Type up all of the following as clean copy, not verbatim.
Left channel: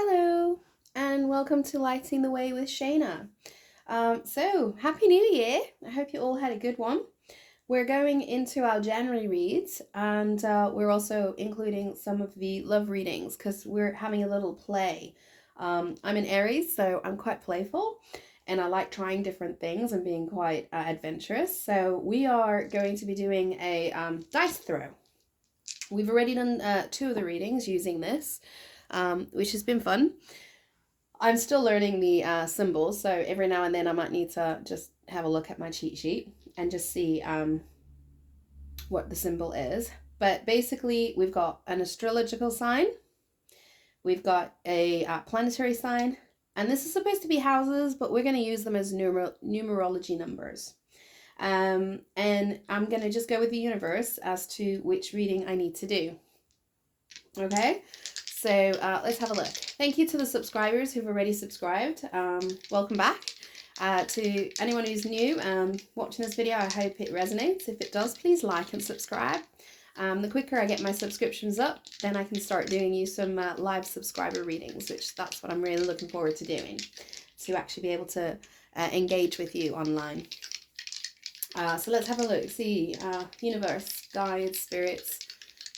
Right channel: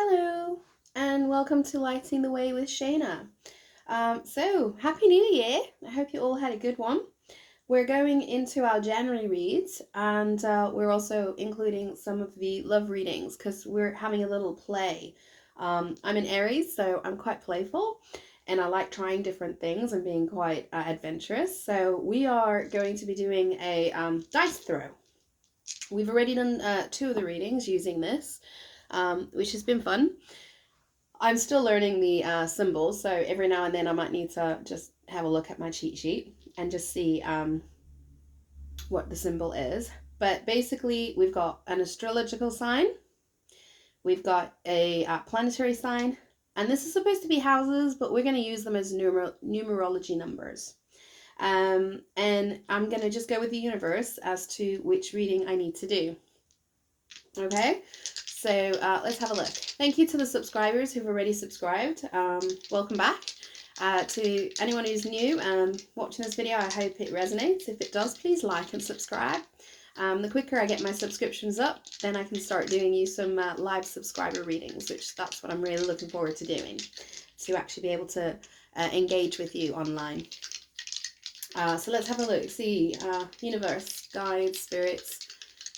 Hello, and welcome to Lighting the Way with Shaina. Happy New Year! I hope you all had a good one. We're going into our January reads, and we're also including some of the love readings because we're having a little play. I'm an Aries, so I'm quite playful, and I like trying different things and being quite adventurous. So we are going to be doing a dice throw. We've already done two of the readings using this, which has been fun. I'm still learning the symbols, so every now and then I might need to just have a look at my cheat sheet and just see what the symbol is. But basically, we've got an astrological sign, we've got a planetary sign, and this is supposed to be houses, but we're going to use them as numerology numbers. And I'm going to just go with the universe as to which reading I need to do. Okay, so let's have a look. Thank you to the subscribers who've already subscribed. Welcome back. To anyone who's new watching this video, I hope it resonates. If it does, please like and subscribe. The quicker I get my subscriptions up, then I can start doing you some live subscriber readings, which that's what I'm really looking forward to doing, to actually be able to engage with you online. So let's have a look. See, universe, guides, spirits.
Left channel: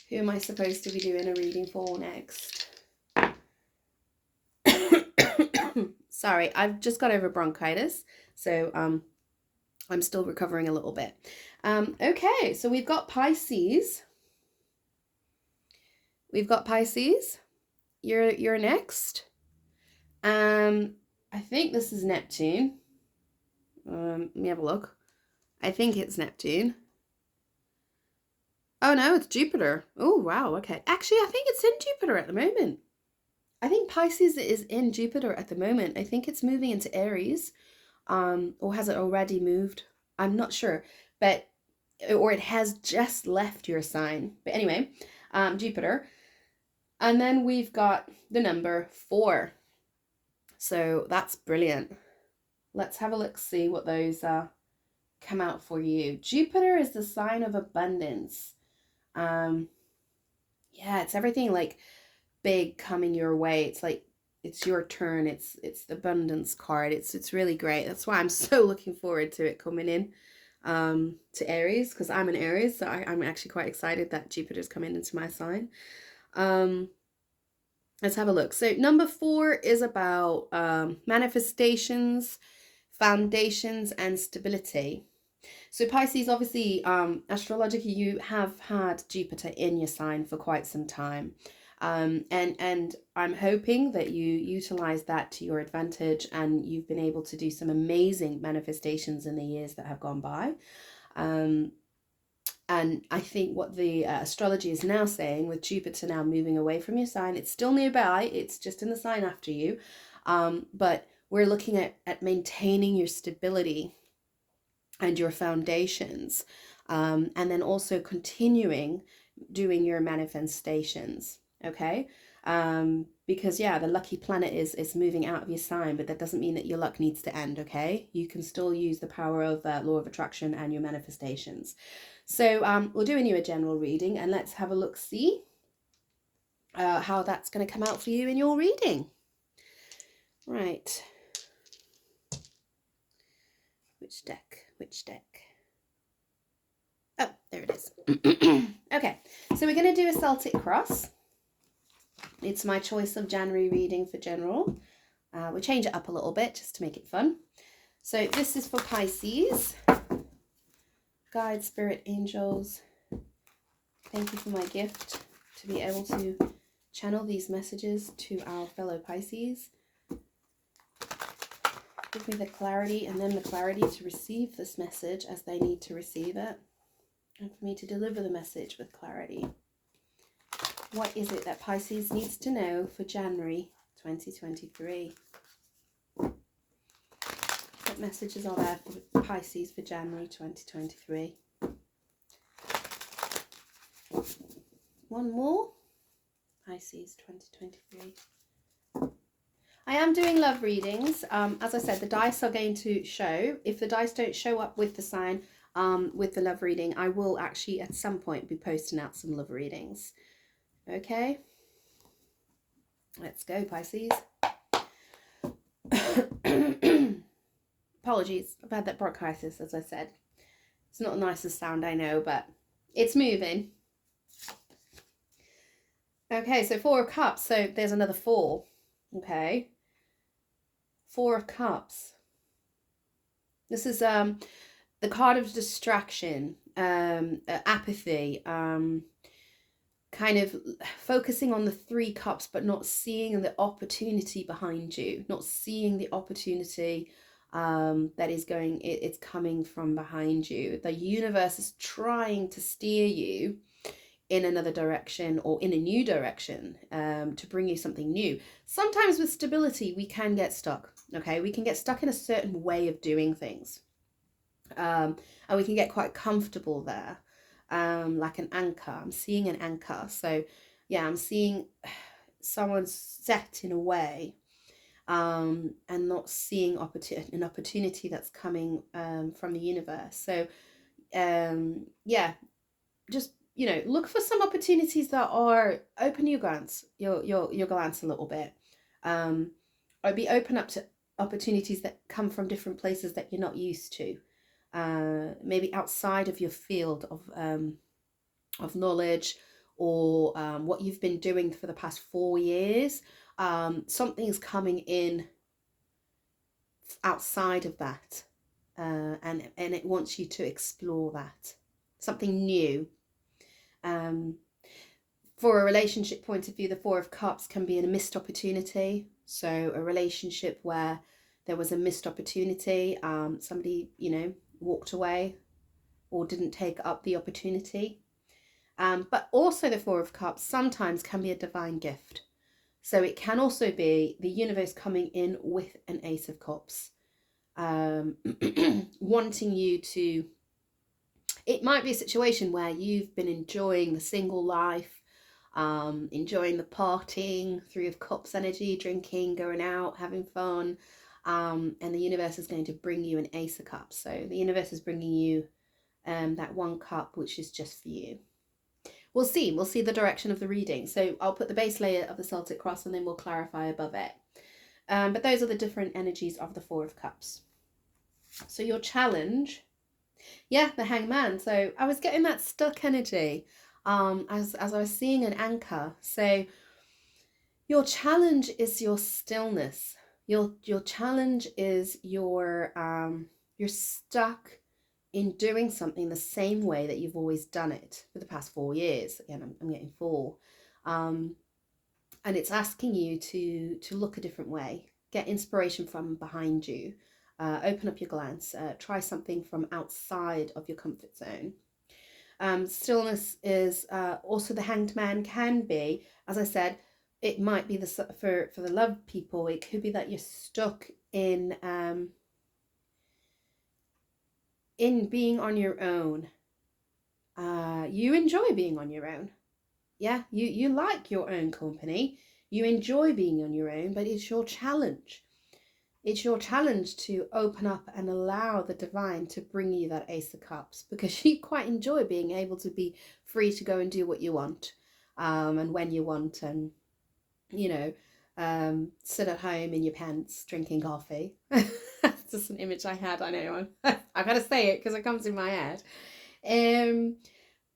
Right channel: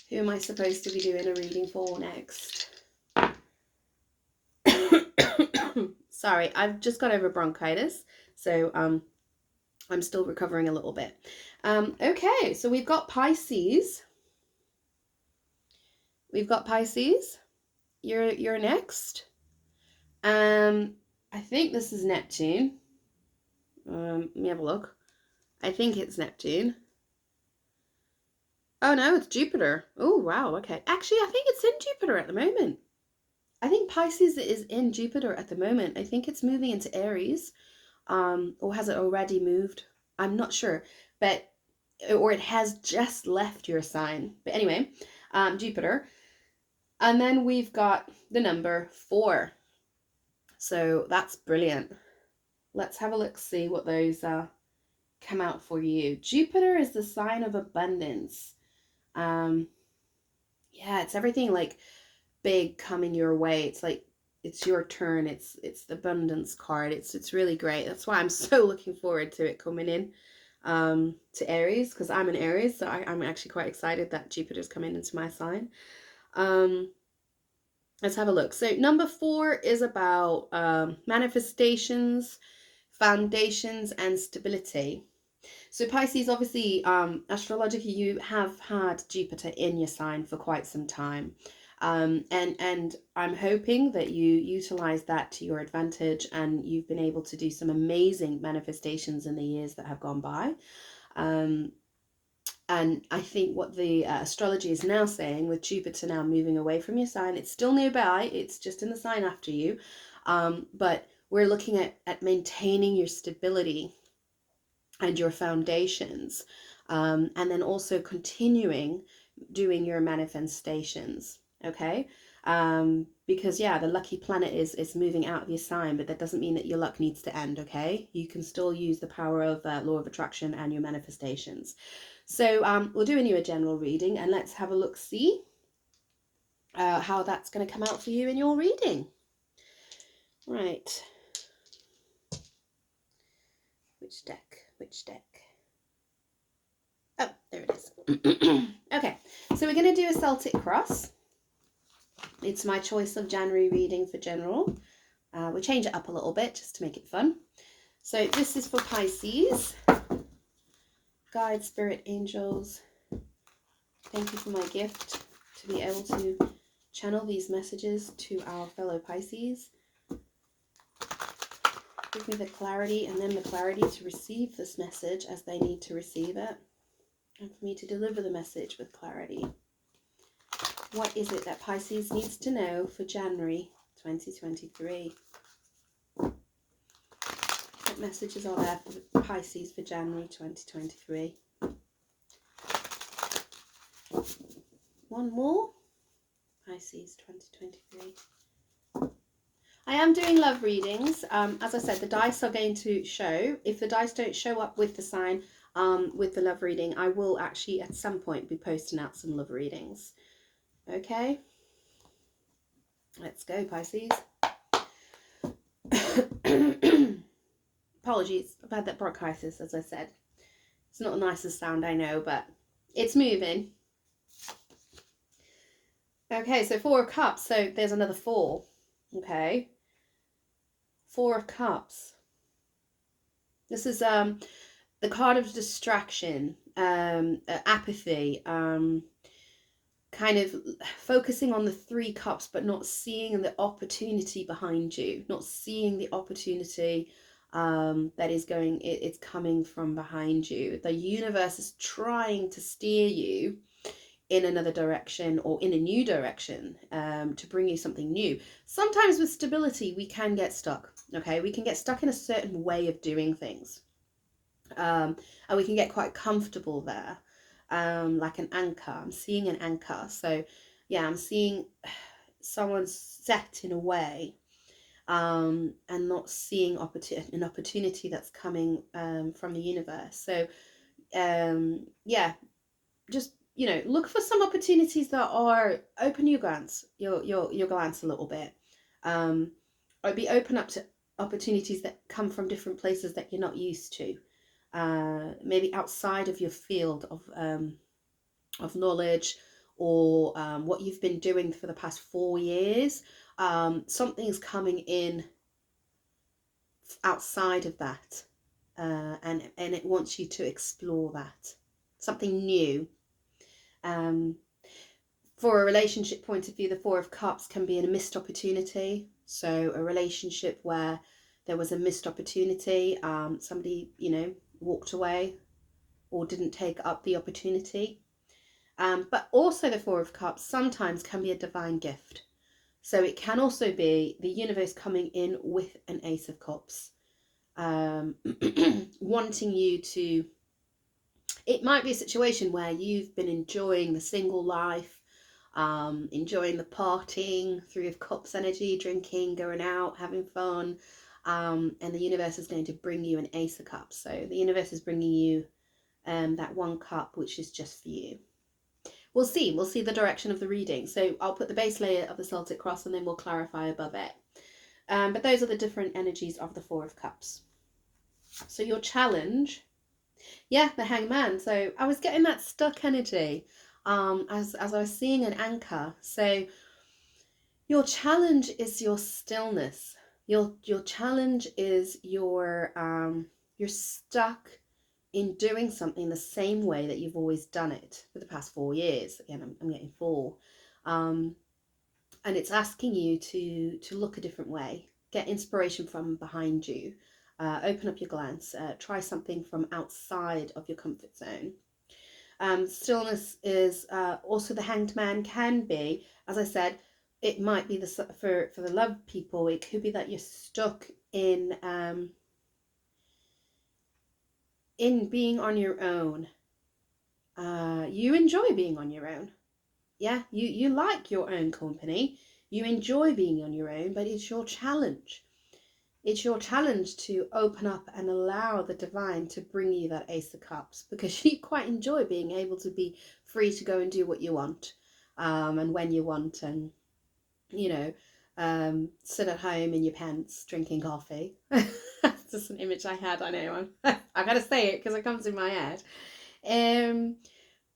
Who am I supposed to be doing a reading for next? Sorry, I've just got over bronchitis, so I'm still recovering a little bit. Okay, so we've got Pisces. We've got Pisces. You're next. I think this is Neptune. Let me have a look. I think it's Neptune. Oh no, it's Jupiter. Oh wow, okay. Actually, I think it's in Jupiter at the moment. I think Pisces is in Jupiter at the moment. I think it's moving into Aries. Or has it already moved? I'm not sure, but or it has just left your sign. But anyway, Jupiter. And then we've got the number 4. So that's brilliant. Let's have a look, see what those come out for you. Jupiter is the sign of abundance. Yeah, it's everything like big coming your way. It's like it's your turn. It's the abundance card. It's really great. That's why I'm so looking forward to it coming in to Aries, because I'm an Aries, so I'm actually quite excited that Jupiter's coming into my sign. Let's have a look. So number 4 is about manifestations, foundations, and stability. So Pisces, obviously, astrologically, you have had Jupiter in your sign for quite some time. And I'm hoping that you utilize that to your advantage and you've been able to do some amazing manifestations in the years that have gone by. And I think what the astrology is now saying, with Jupiter now moving away from your sign, it's still nearby, it's just in the sign after you, but we're looking at maintaining your stability and your foundations, and then also continuing doing your manifestations. Okay, because yeah, the lucky planet is moving out of your sign, but that doesn't mean that your luck needs to end. Okay, you can still use the power of law of attraction and your manifestations. So we'll do a general reading, and let's have a look, see how that's going to come out for you in your reading. Right, which deck? Oh, there it is. Okay, so we're going to do a Celtic cross. It's my choice of January reading for general. We'll change it up a little bit just to make it fun. So this is for Pisces. Guide, spirit, angels, thank you for my gift to be able to channel these messages to our fellow Pisces. Give me the clarity and then the clarity to receive this message as they need to receive it, and for me to deliver the message with clarity. What is it that Pisces needs to know for January 2023? What messages are there for Pisces for January 2023? One more. Pisces 2023. I am doing love readings. As I said, the dice are going to show. If the dice don't show up with the sign, with the love reading, I will actually at some point be posting out some love readings. Okay. Let's go, Pisces. Apologies, I've had that bronchitis, as I said. It's not the nicest sound, I know, but it's moving. Okay, so Four of Cups. So there's another four. Okay. Four of Cups. This is the card of distraction, apathy, kind of focusing on the Three Cups, but not seeing the opportunity behind you, not seeing the opportunity that is it's coming from behind you. The universe is trying to steer you in another direction or in a new direction, to bring you something new. Sometimes with stability, we can get stuck. Okay, we can get stuck in a certain way of doing things, and we can get quite comfortable there, like an anchor. I'm seeing an anchor. So yeah, I'm seeing someone set in a way, and not seeing an opportunity that's coming from the universe. So yeah, just, you know, look for some opportunities that are open your glance, your glance a little bit, or be open up to opportunities that come from different places that you're not used to, maybe outside of your field of knowledge, or what you've been doing for the past 4 years. Something's coming in outside of that, and it wants you to explore that, something new. For a relationship point of view, the Four of Cups can be a missed opportunity. So a relationship where there was a missed opportunity, somebody, you know, walked away or didn't take up the opportunity. But also the Four of Cups sometimes can be a divine gift. So it can also be the universe coming in with an Ace of Cups, wanting you to, it might be a situation where you've been enjoying the single life, enjoying the partying, Three of Cups energy, drinking, going out, having fun, and the universe is going to bring you an Ace of Cups. So the universe is bringing you that one cup, which is just for you. We'll see the direction of the reading. So I'll put the base layer of the Celtic Cross and then we'll clarify above it. But those are the different energies of the Four of Cups. So your challenge, yeah, the Hangman. So I was getting that stuck energy, as I was seeing an anchor. So your challenge is your stillness. Your challenge is you're stuck in doing something the same way that you've always done it for the past 4 years. Again, I'm getting 4. And it's asking you to look a different way, get inspiration from behind you, open up your glance, try something from outside of your comfort zone. Stillness is also the Hanged Man can be, as I said, it might be for the love people. It could be that you're stuck in being on your own. You enjoy being on your own. Yeah, you like your own company. You enjoy being on your own, but it's your challenge. It's your challenge to open up and allow the divine to bring you that Ace of Cups, because you quite enjoy being able to be free to go and do what you want, and when you want, and, you know, sit at home in your pants drinking coffee. That's just an image I had. I know. I gotta say it because it comes in my head.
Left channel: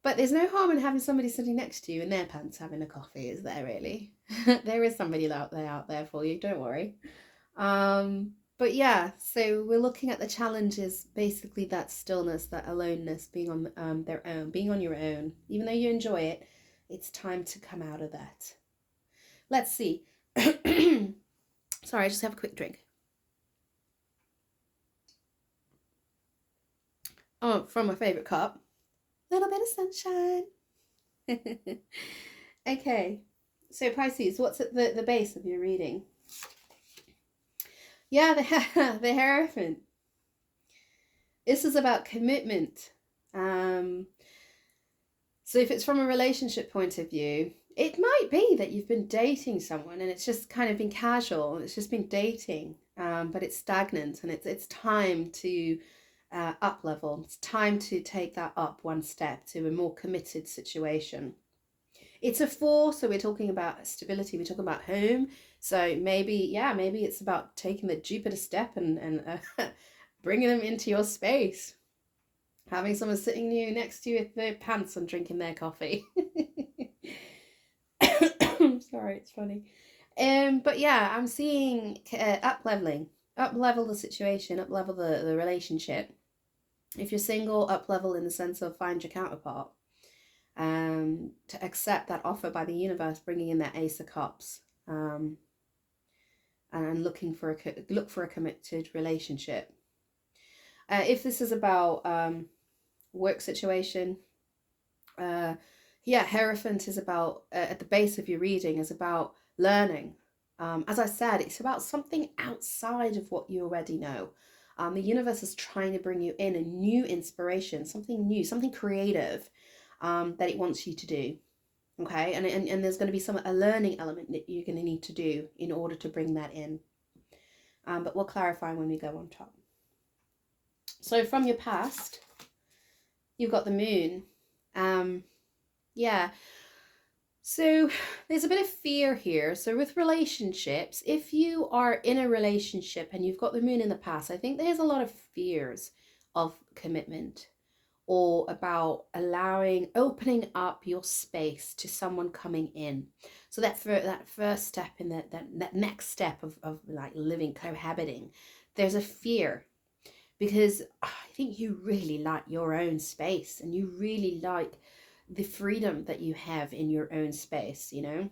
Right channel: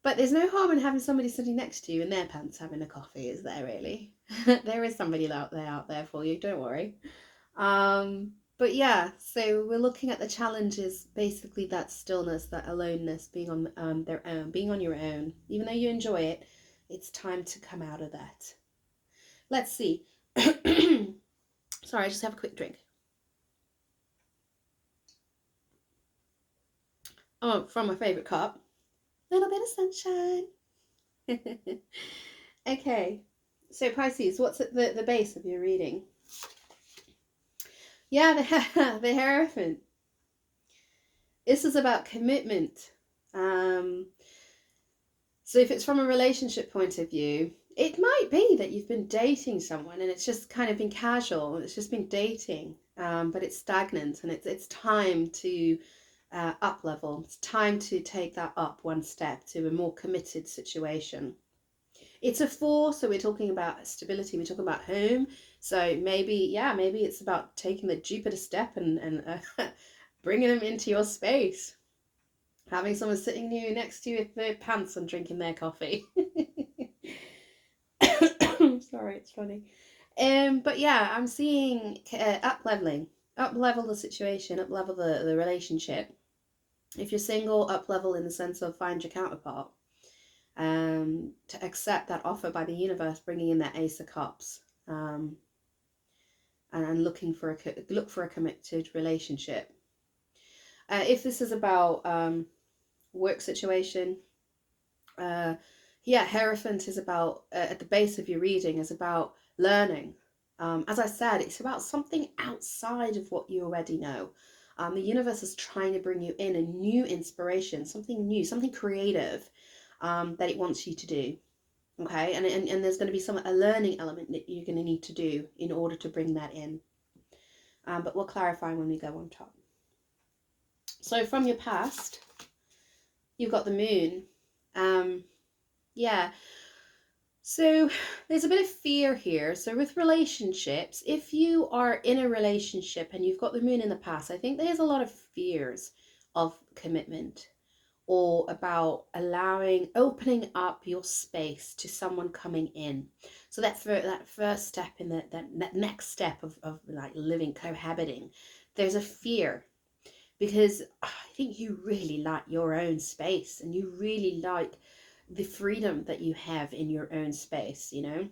But there's no harm in having somebody sitting next to you in their pants having a coffee, is there really? There is somebody out there for you, don't worry. But yeah, so we're looking at the challenges, basically that stillness, that aloneness, being on their own, being on your own. Even though you enjoy it, it's time to come out of that. Let's see. Sorry, I just have a quick drink. Oh, from my favourite cup. Little bit of sunshine. Okay, so Pisces, what's at the base of your reading? Yeah, the Hierophant. This is about commitment. So if it's from a relationship point of view, it might be that you've been dating someone and it's just kind of been casual and it's just been dating, but it's stagnant, and it's time to up level. It's time to take that up one step to a more committed situation. It's a 4, so we're talking about stability, we're talking about home. So maybe, yeah, maybe it's about taking the Jupiter step and bringing them into your space. Having someone sitting you next to you with their pants and drinking their coffee. Sorry, it's funny. But yeah, I'm seeing up leveling, up level the situation, up level the relationship. If you're single, up level in the sense of find your counterpart. To accept that offer by the universe, bringing in that Ace of Cups, and look for a committed relationship. If this is about work situation, yeah, Hierophant is about at the base of your reading is about learning. As I said, it's about something outside of what you already know. The universe is trying to bring you in a new inspiration, something new, something creative that it wants you to do. Okay, and there's going to be a learning element that you're going to need to do in order to bring that in. But we'll clarify when we go on top. So from your past, you've got the moon. Yeah. So there's a bit of fear here. So with relationships, if you are in a relationship and you've got the moon in the past, I think there's a lot of fears of commitment or about opening up your space to someone coming in. So that first step in that next step of like living, cohabiting, there's a fear because I think you really like your own space and you really like the freedom that you have in your own space, you know?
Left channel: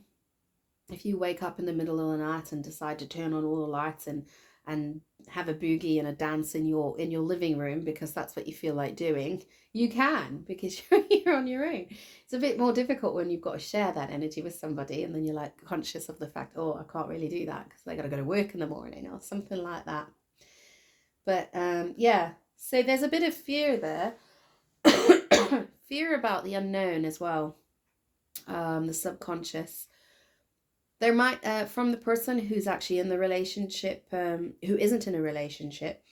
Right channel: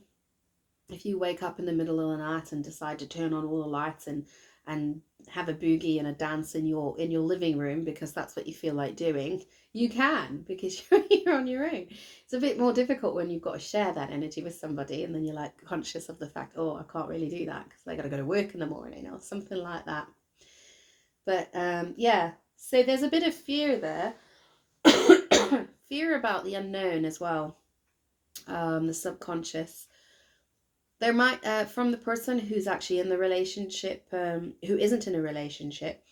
If you wake up in the middle of the night and decide to turn on all the lights and have a boogie and a dance in your living room because that's what you feel like doing, you can because you're on your own. It's a bit more difficult when you've got to share that energy with somebody and then you're like conscious of the fact, oh, I can't really do that because they got to go to work in the morning or something like that. But yeah, so there's a bit of fear there. Fear about the unknown as well, the subconscious. There might, from the person who's actually in the relationship, who isn't in a relationship,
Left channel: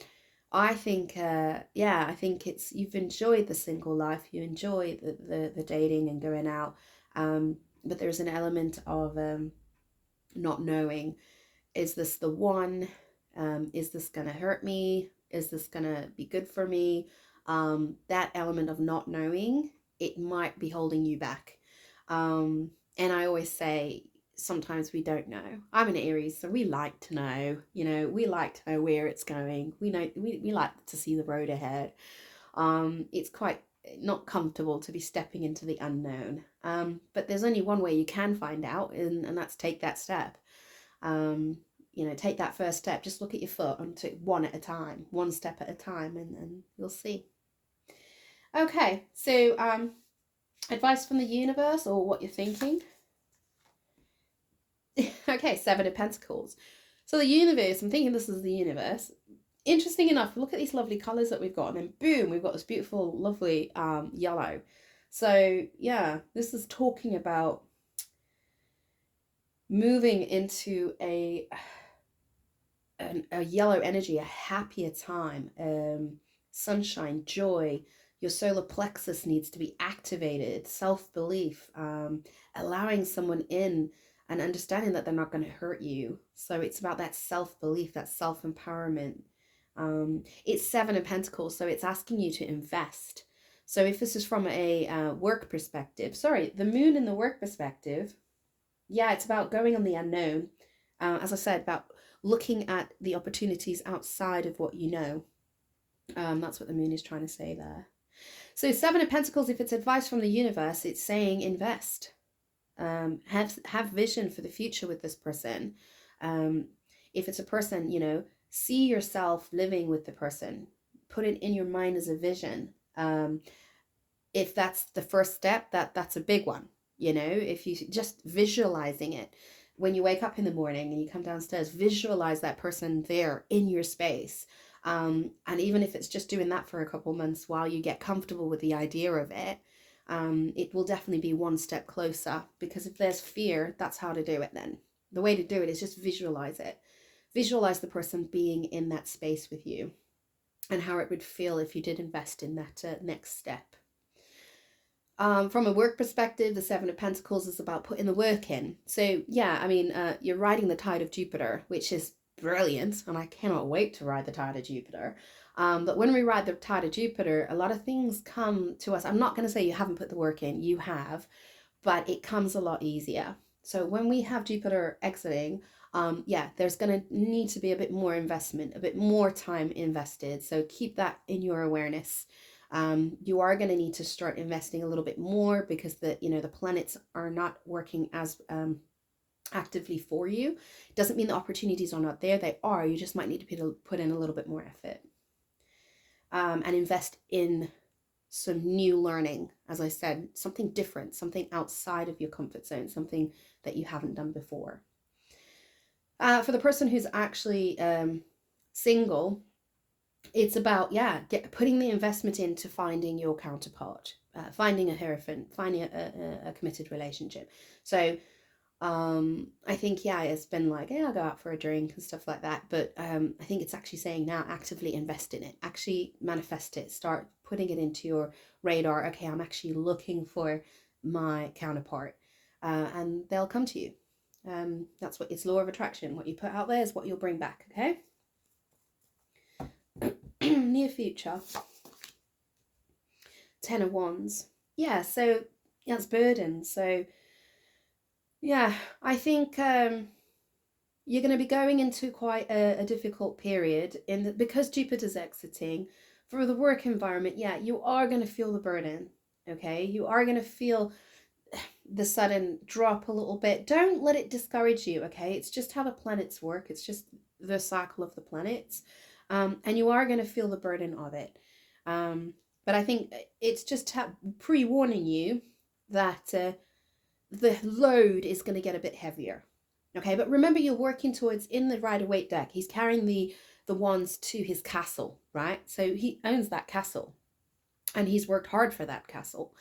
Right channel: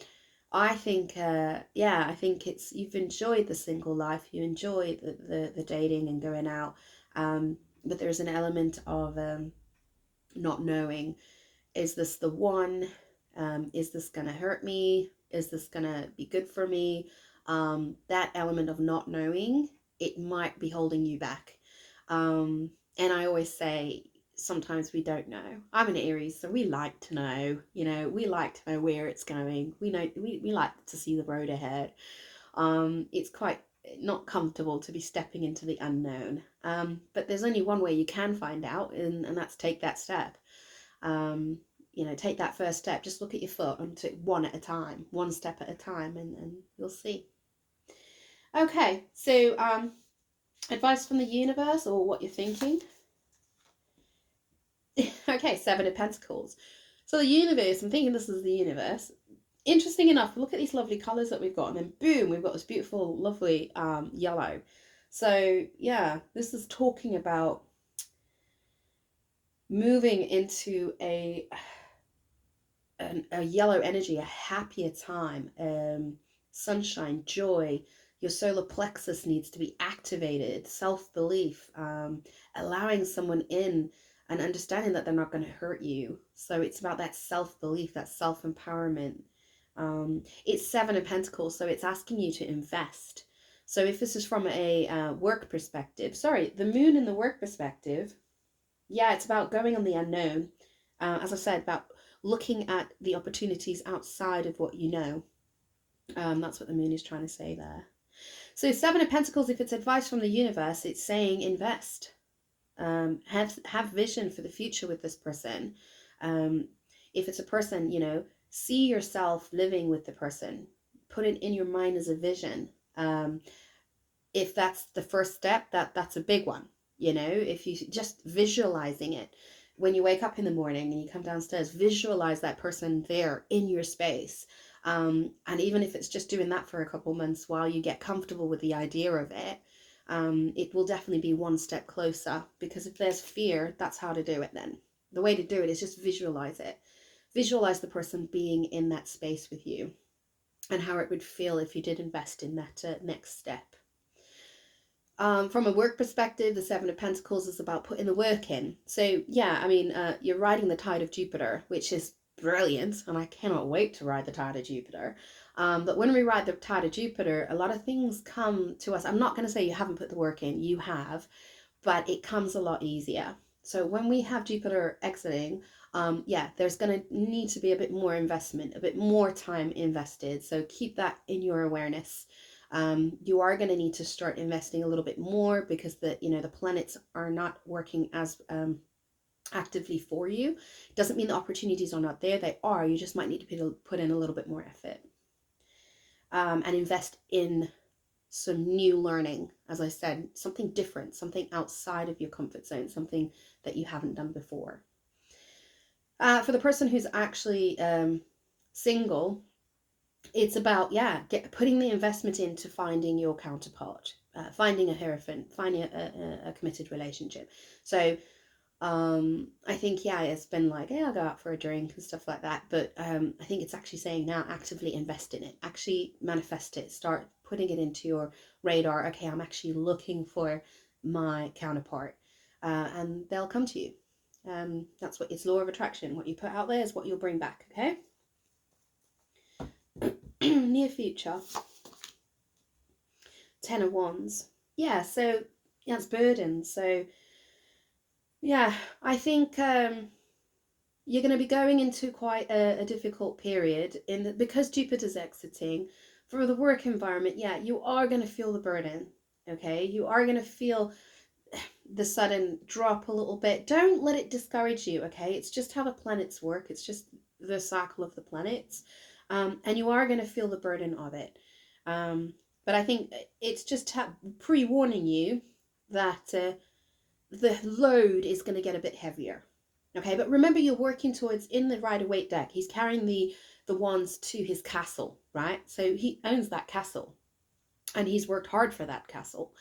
I think, yeah, I think you've enjoyed the single life, you enjoy the dating and going out, but there's an element of not knowing, is this the one? Is this going to hurt me? Is this going to be good for me? That element of not knowing, it might be holding you back. And I always say, sometimes we don't know. I'm an Aries, so we like to know, we like to know where it's going. We like to see the road ahead. It's quite not comfortable to be stepping into the unknown. But there's only one way you can find out, and that's take that step. Take that first step. Just look at your foot and take one at a time, one step at a time, and you'll see. Okay, so advice from the universe or what you're thinking. Okay, 7 of Pentacles. So the universe, I'm thinking this is the universe. Interesting enough, look at these lovely colours that we've got, and then boom, we've got this beautiful, lovely yellow. So yeah, this is talking about moving into a yellow energy, a happier time, sunshine, joy. Your solar plexus needs to be activated, self-belief, allowing someone in and understanding that they're not going to hurt you. So it's about that self-belief, that self-empowerment. It's 7 of Pentacles, so it's asking you to invest. So if this is from a work perspective, sorry, the moon in the work perspective, yeah, it's about going on the unknown. As I said, about looking at the opportunities outside of what you know. That's what the moon is trying to say there. So 7 of Pentacles, if it's advice from the universe, it's saying invest. Have vision for the future with this person. If it's a person, see yourself living with the person. Put it in your mind as a vision. If that's the first step, that's a big one. If you just visualizing it. When you wake up in the morning and you come downstairs, visualize that person there in your space. And even if it's just doing that for a couple months while you get comfortable with the idea of it, it will definitely be one step closer. Because if there's fear, that's how to do it then. The way to do it is just visualize it. Visualize the person being in that space with you and how it would feel if you did invest in that next step. From a work perspective, the Seven of Pentacles is about putting the work in. So yeah, I mean, you're riding the tide of Jupiter, which is brilliant, and I cannot wait to ride the tide of Jupiter. But when we ride the tide of Jupiter, a lot of things come to us. I'm not going to say you haven't put the work in, you have, but it comes a lot easier. So when we have Jupiter exiting, yeah, there's going to need to be a bit more investment, a bit more time invested. So keep that in your awareness. You are going to need to start investing a little bit more because the planets are not working as actively for you. It doesn't mean the opportunities are not there. They are. You just might need to put in a little bit more effort, and invest in some new learning. As I said, something different, something outside of your comfort zone, something that you haven't done before. For the person who's actually single, it's about, yeah, putting the investment into finding your counterpart, finding a hierophant, finding a committed relationship. So I think, yeah, it's been like, yeah, I'll go out for a drink and stuff like that, but I think it's actually saying now actively invest in it, actually manifest it, start putting it into your radar. Okay, I'm actually looking for my counterpart, and they'll come to you. That's what it's law of attraction. What you put out there is what you'll bring back. Okay. Near future. Ten of Wands. Yeah, so yeah, it's burden. So yeah, I think you're going to be going into quite a difficult period because Jupiter's exiting for the work environment. Yeah, you are going to feel the burden. Okay, you are going to feel the sudden drop a little bit. Don't let it discourage you. Okay, it's just how the planets work. It's just the cycle of the planets, and you are going to feel the burden of it. But I think it's just pre-warning you that the load is going to get a bit heavier. Okay, but remember, you're working towards, in the Rider-Waite deck, he's carrying the wands to his castle, right? So he owns that castle, and he's worked hard for that castle.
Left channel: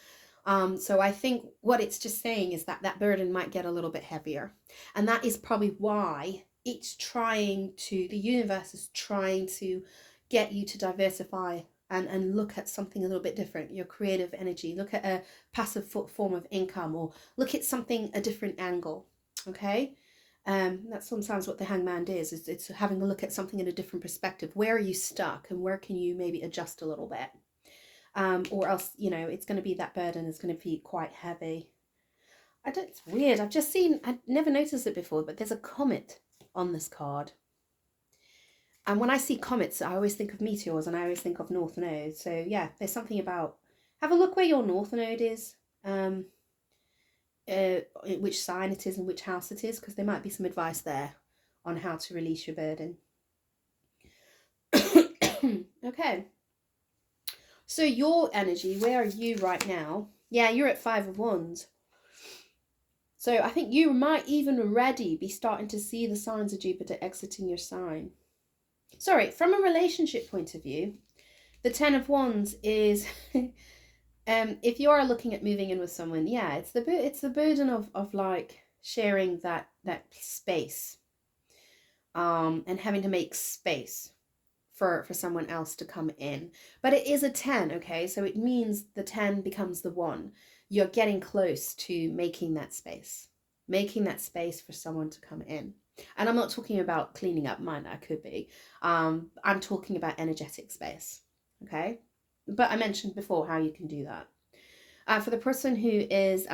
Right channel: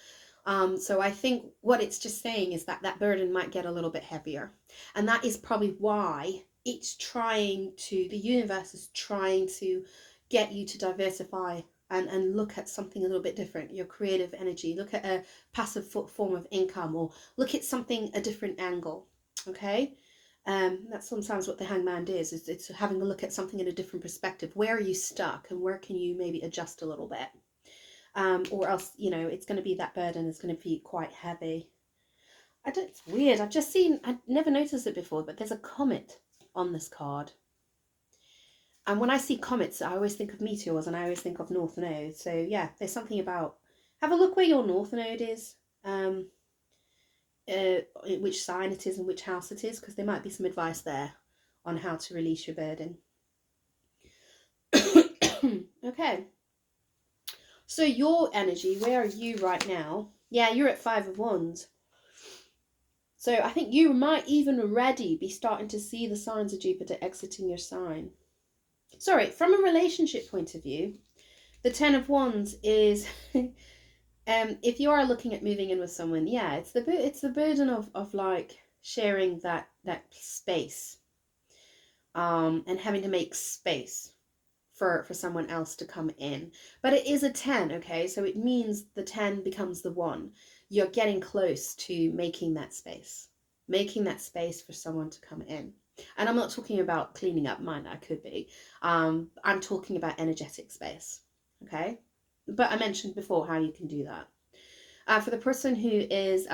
So I think what it's just saying is that that burden might get a little bit heavier, and that is probably why it's the universe is trying to get you to diversify and look at something a little bit different, your creative energy, look at a passive form of income, or look at something, a different angle. Okay. That's sometimes what the Hangman is. It's having a look at something in a different perspective. Where are you stuck, and where can you maybe adjust a little bit? Or else, it's going to be, that burden is going to be quite heavy. It's weird. I never noticed it before, but there's a comet on this card. And when I see comets, I always think of meteors, and I always think of North Node. So yeah, there's something about, have a look where your North Node is, which sign it is and which house it is, because there might be some advice there on how to release your burden. Okay. So your energy, where are you right now? Yeah, you're at 5 of Wands. So I think you might even already be starting to see the signs of Jupiter exiting your sign. Sorry, from a relationship point of view, the 10 of Wands is, if you are looking at moving in with someone, yeah, it's the burden of like sharing that space, and having to make space for someone else to come in. But it is a 10, okay? So it means the 10 becomes the 1. You're getting close to making that space for someone to come in. And I'm not talking about cleaning up mine, I could be. I'm talking about energetic space, okay? But I mentioned before how you can do that. For the person who is,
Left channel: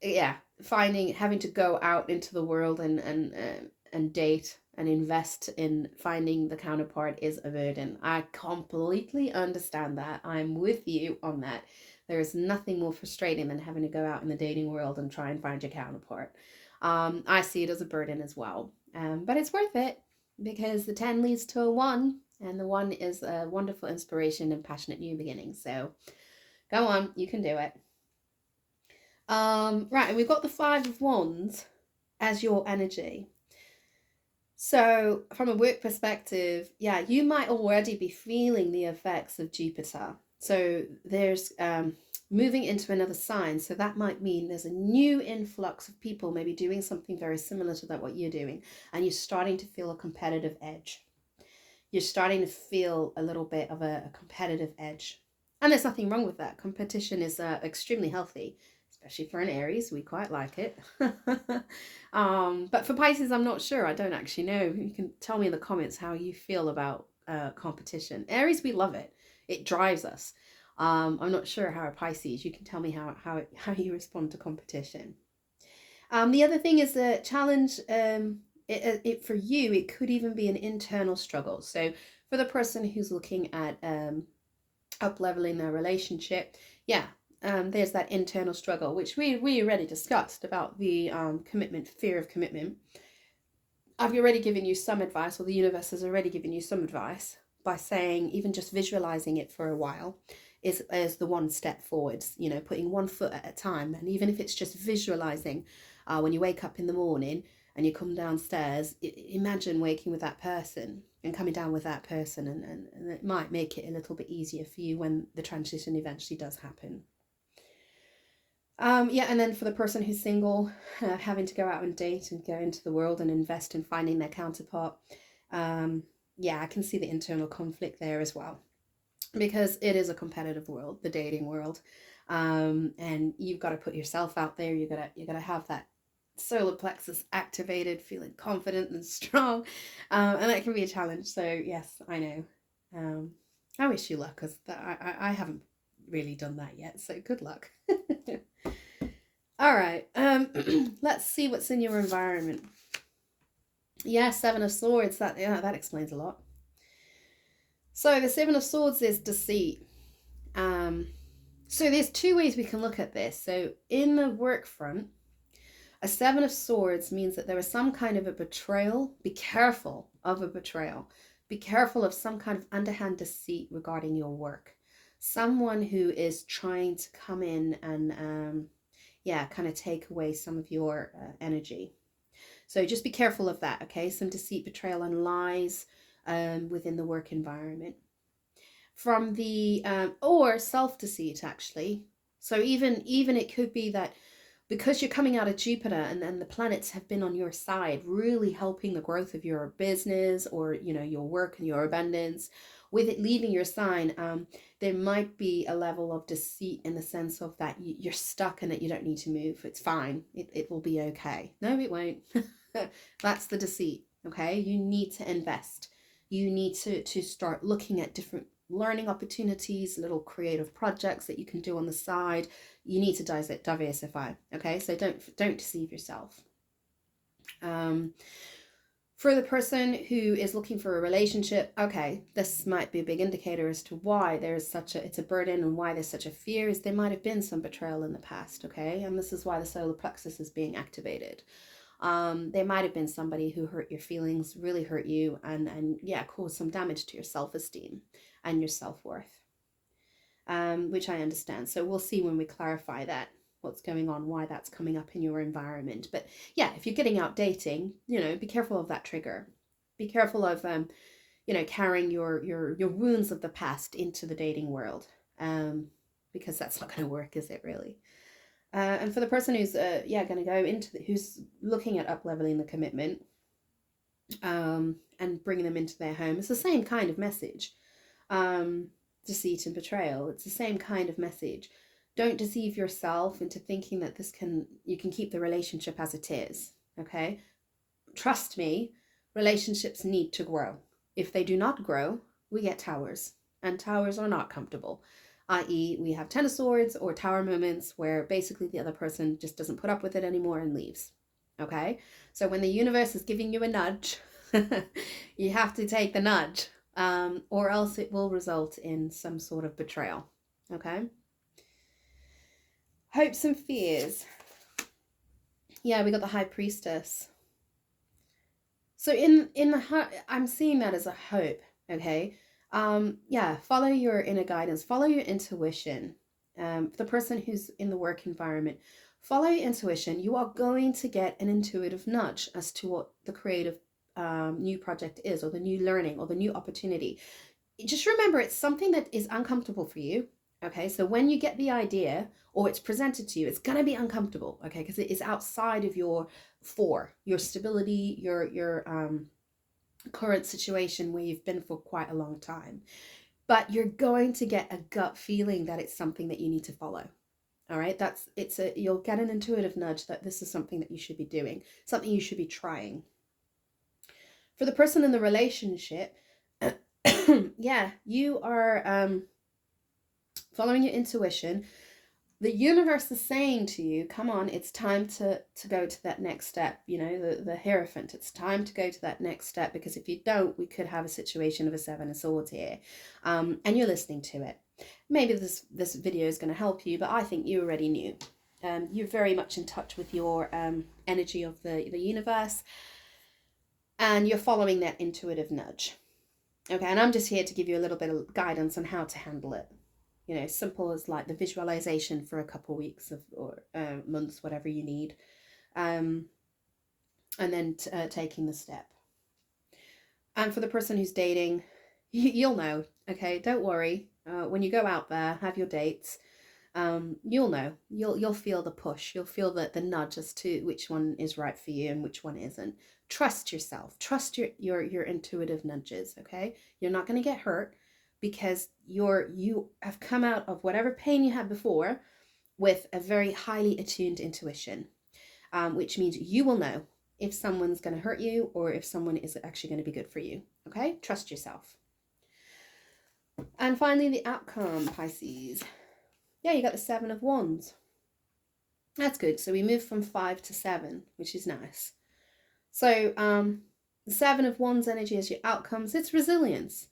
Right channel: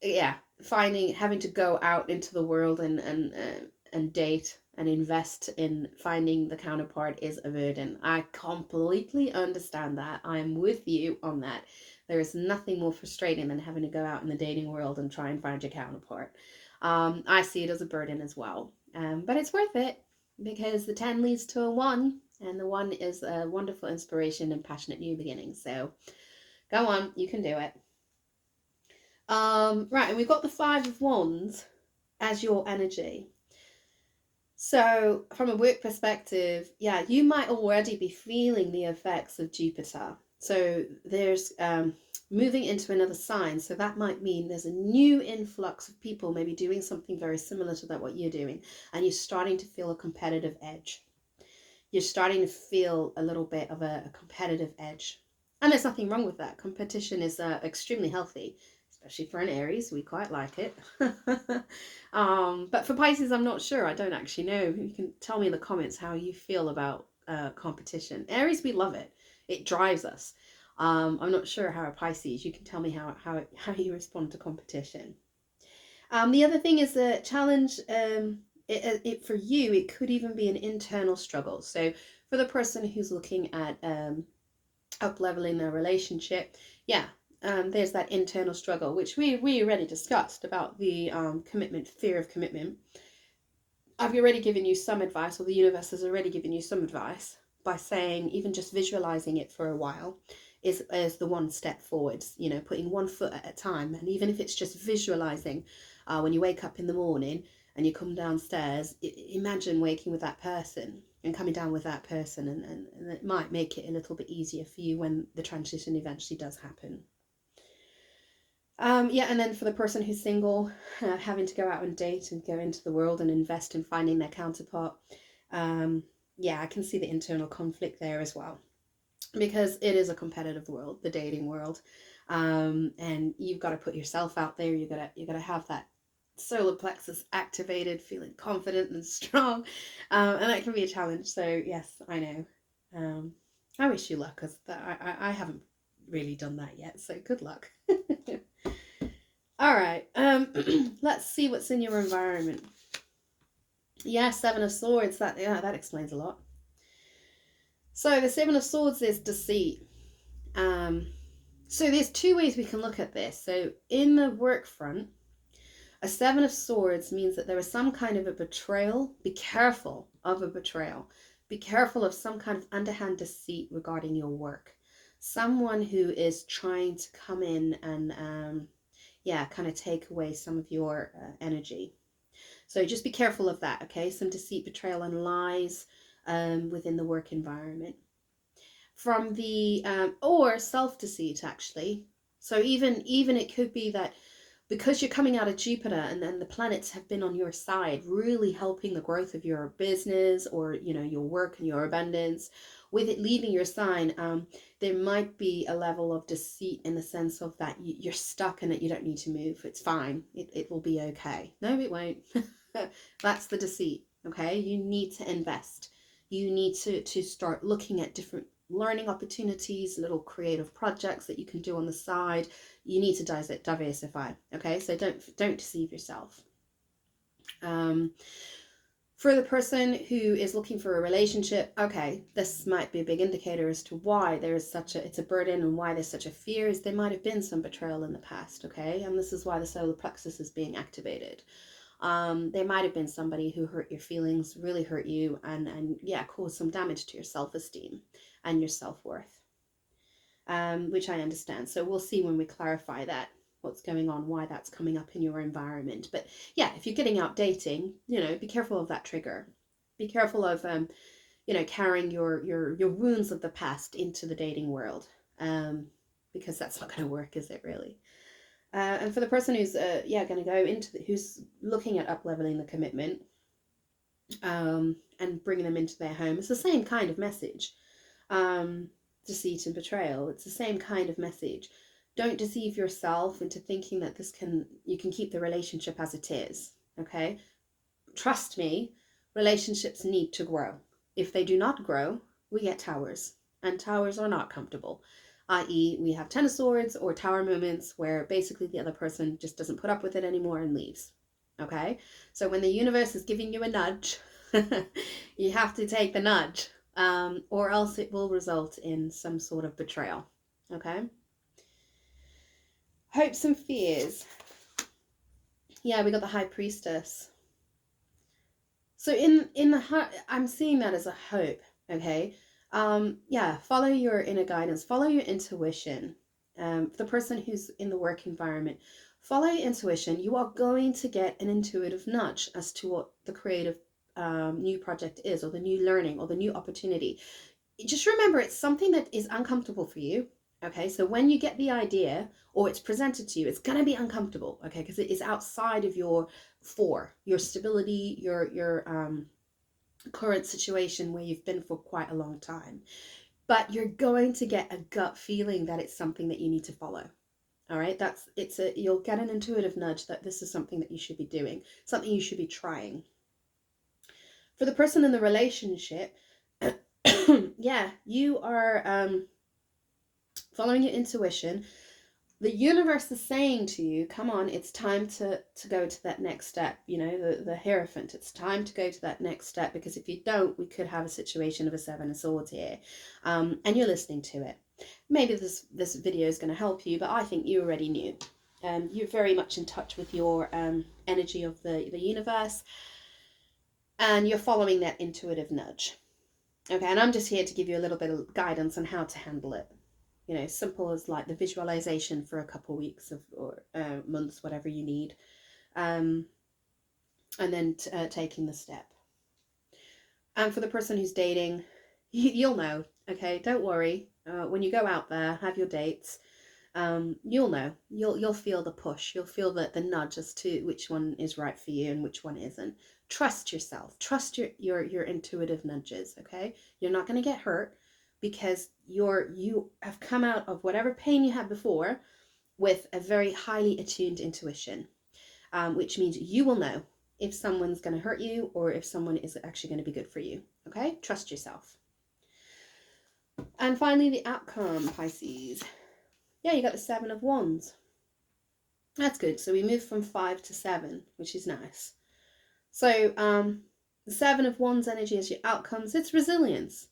yeah, having to go out into the world and date and invest in finding the counterpart is a burden. I completely understand that. I'm with you on that. There is nothing more frustrating than having to go out in the dating world and try and find your counterpart. I see it as a burden as well. But it's worth it, because the 10 leads to a 1, and the 1 is a wonderful inspiration and passionate new beginning. So go on, you can do it. Right, and we've got the 5 of Wands as your energy. So from a work perspective, yeah, you might already be feeling the effects of Jupiter. So there's moving into another sign. So that might mean there's a new influx of people maybe doing something very similar to that, what you're doing. And you're starting to feel a competitive edge. You're starting to feel a little bit of a competitive edge. And there's nothing wrong with that. Competition is extremely healthy, especially for an Aries. We quite like it. But for Pisces, I'm not sure. I don't actually know. You can tell me in the comments how you feel about competition. Aries, we love it. It drives us. I'm not sure how Pisces. You can tell me how you respond to competition. The other thing is the challenge. It for you, it could even be an internal struggle. So for the person who's looking at up leveling their relationship, yeah, there's that internal struggle, which we already discussed about the commitment, fear of commitment. I've already given you some advice, or the universe has already given you some advice by saying even just visualizing it for a while is the one step forwards. You know, putting one foot at a time, and even if it's just visualizing, when you wake up in the morning and you come downstairs, imagine waking with that person and coming down with that person, and it might make it a little bit easier for you when the transition eventually does happen. Yeah, and then for the person who's single, having to go out and date and go into the world and invest in finding their counterpart, yeah, I can see the internal conflict there as well, because it is a competitive world, the dating world, and you've got to put yourself out there. You got to have that solar plexus activated, feeling confident and strong, and that can be a challenge. So yes, I know. I wish you luck, because I haven't really done that yet. So good luck. All right. Let's see what's in your environment. Yeah, Seven of Swords. That explains a lot. So the Seven of Swords is deceit. Um, so there's two ways we can look at this. So in the work front, a Seven of Swords means that there is some kind of a betrayal. Be careful of a betrayal. Be careful of some kind of underhand deceit regarding your work. Someone who is trying to come in and yeah, kind of take away some of your energy. So just be careful of that, okay? Some deceit, betrayal, and lies within the work environment. From the or self deceit, actually. So even it could be that because you're coming out of Jupiter and the planets have been on your side, really helping the growth of your business, or your work and your abundance. With it leaving your sign, there might be a level of deceit in the sense of that you're stuck and that you don't need to move. It's fine. It will be okay. No, it won't. That's the deceit. Okay, you need to invest. You need to start looking at different learning opportunities, little creative projects that you can do on the side. You need to diversify. Okay, so don't deceive yourself. For the person who is looking for a relationship, okay, this might be a big indicator as to why there's it's a burden, and why there's such a fear is there might have been some betrayal in the past, okay? And this is why the solar plexus is being activated. There might have been somebody who hurt your feelings, really hurt you, and yeah, caused some damage to your self-esteem and your self-worth, which I understand. So we'll see when we clarify that, what's going on, why that's coming up in your environment. But yeah, if you're getting out dating, be careful of that trigger. Be careful of carrying your wounds of the past into the dating world, because that's not going to work, is it really? And for the person who's going to go into who's looking at up leveling the commitment, and bringing them into their home, it's the same kind of message. Deceit and betrayal, it's the same kind of message. Don't deceive yourself into thinking that you can keep the relationship as it is. Okay, trust me, relationships need to grow. If they do not grow, we get towers, and towers are not comfortable, i.e. we have Ten of Swords or tower moments where basically the other person just doesn't put up with it anymore and leaves. Okay, so when the universe is giving you a nudge, you have to take the nudge, or else it will result in some sort of betrayal. Okay, hopes and fears. Yeah, we got the High Priestess. So in the heart, I'm seeing that as a hope. Okay, yeah, follow your inner guidance, follow your intuition. For the person who's in the work environment, follow your intuition. You are going to get an intuitive nudge as to what the creative new project is, or the new learning, or the new opportunity. Just remember, it's something that is uncomfortable for you. Okay, so when you get the idea or it's presented to you, it's going to be uncomfortable. Okay, because it is outside of your stability, your current situation where you've been for quite a long time. but you're going to get a gut feeling that it's something that you need to follow. All right, you'll get an intuitive nudge that this is something that you should be doing, something you should be trying. For the person in the relationship, yeah, you are following your intuition. The universe is saying to you, come on, it's time to go to that next step. You know, the Hierophant, it's time to go to that next step, because if you don't, we could have a situation of a Seven of Swords here. And you're listening to it. Maybe this video is going to help you, but I think you already knew. You're very much in touch with your energy of the universe, and you're following that intuitive nudge. Okay, and I'm just here to give you a little bit of guidance on how to handle it. You know, simple as like the visualization for a couple of weeks or months, whatever you need, and then taking the step. And for the person who's dating, you'll know. Okay, don't worry. When you go out there, have your dates. You'll know. You'll feel the push. You'll feel the nudge as to which one is right for you and which one isn't. Trust yourself. Trust your intuitive nudges. Okay, you're not going to get hurt, because you have come out of whatever pain you had before with a very highly attuned intuition, which means you will know if someone's going to hurt you or if someone is actually going to be good for you. Okay, trust yourself. And finally, the outcome, Pisces. Yeah, you got the Seven of Wands. That's good. So we move from 5 to 7, which is nice. So the Seven of Wands energy is your outcomes. It's resilience.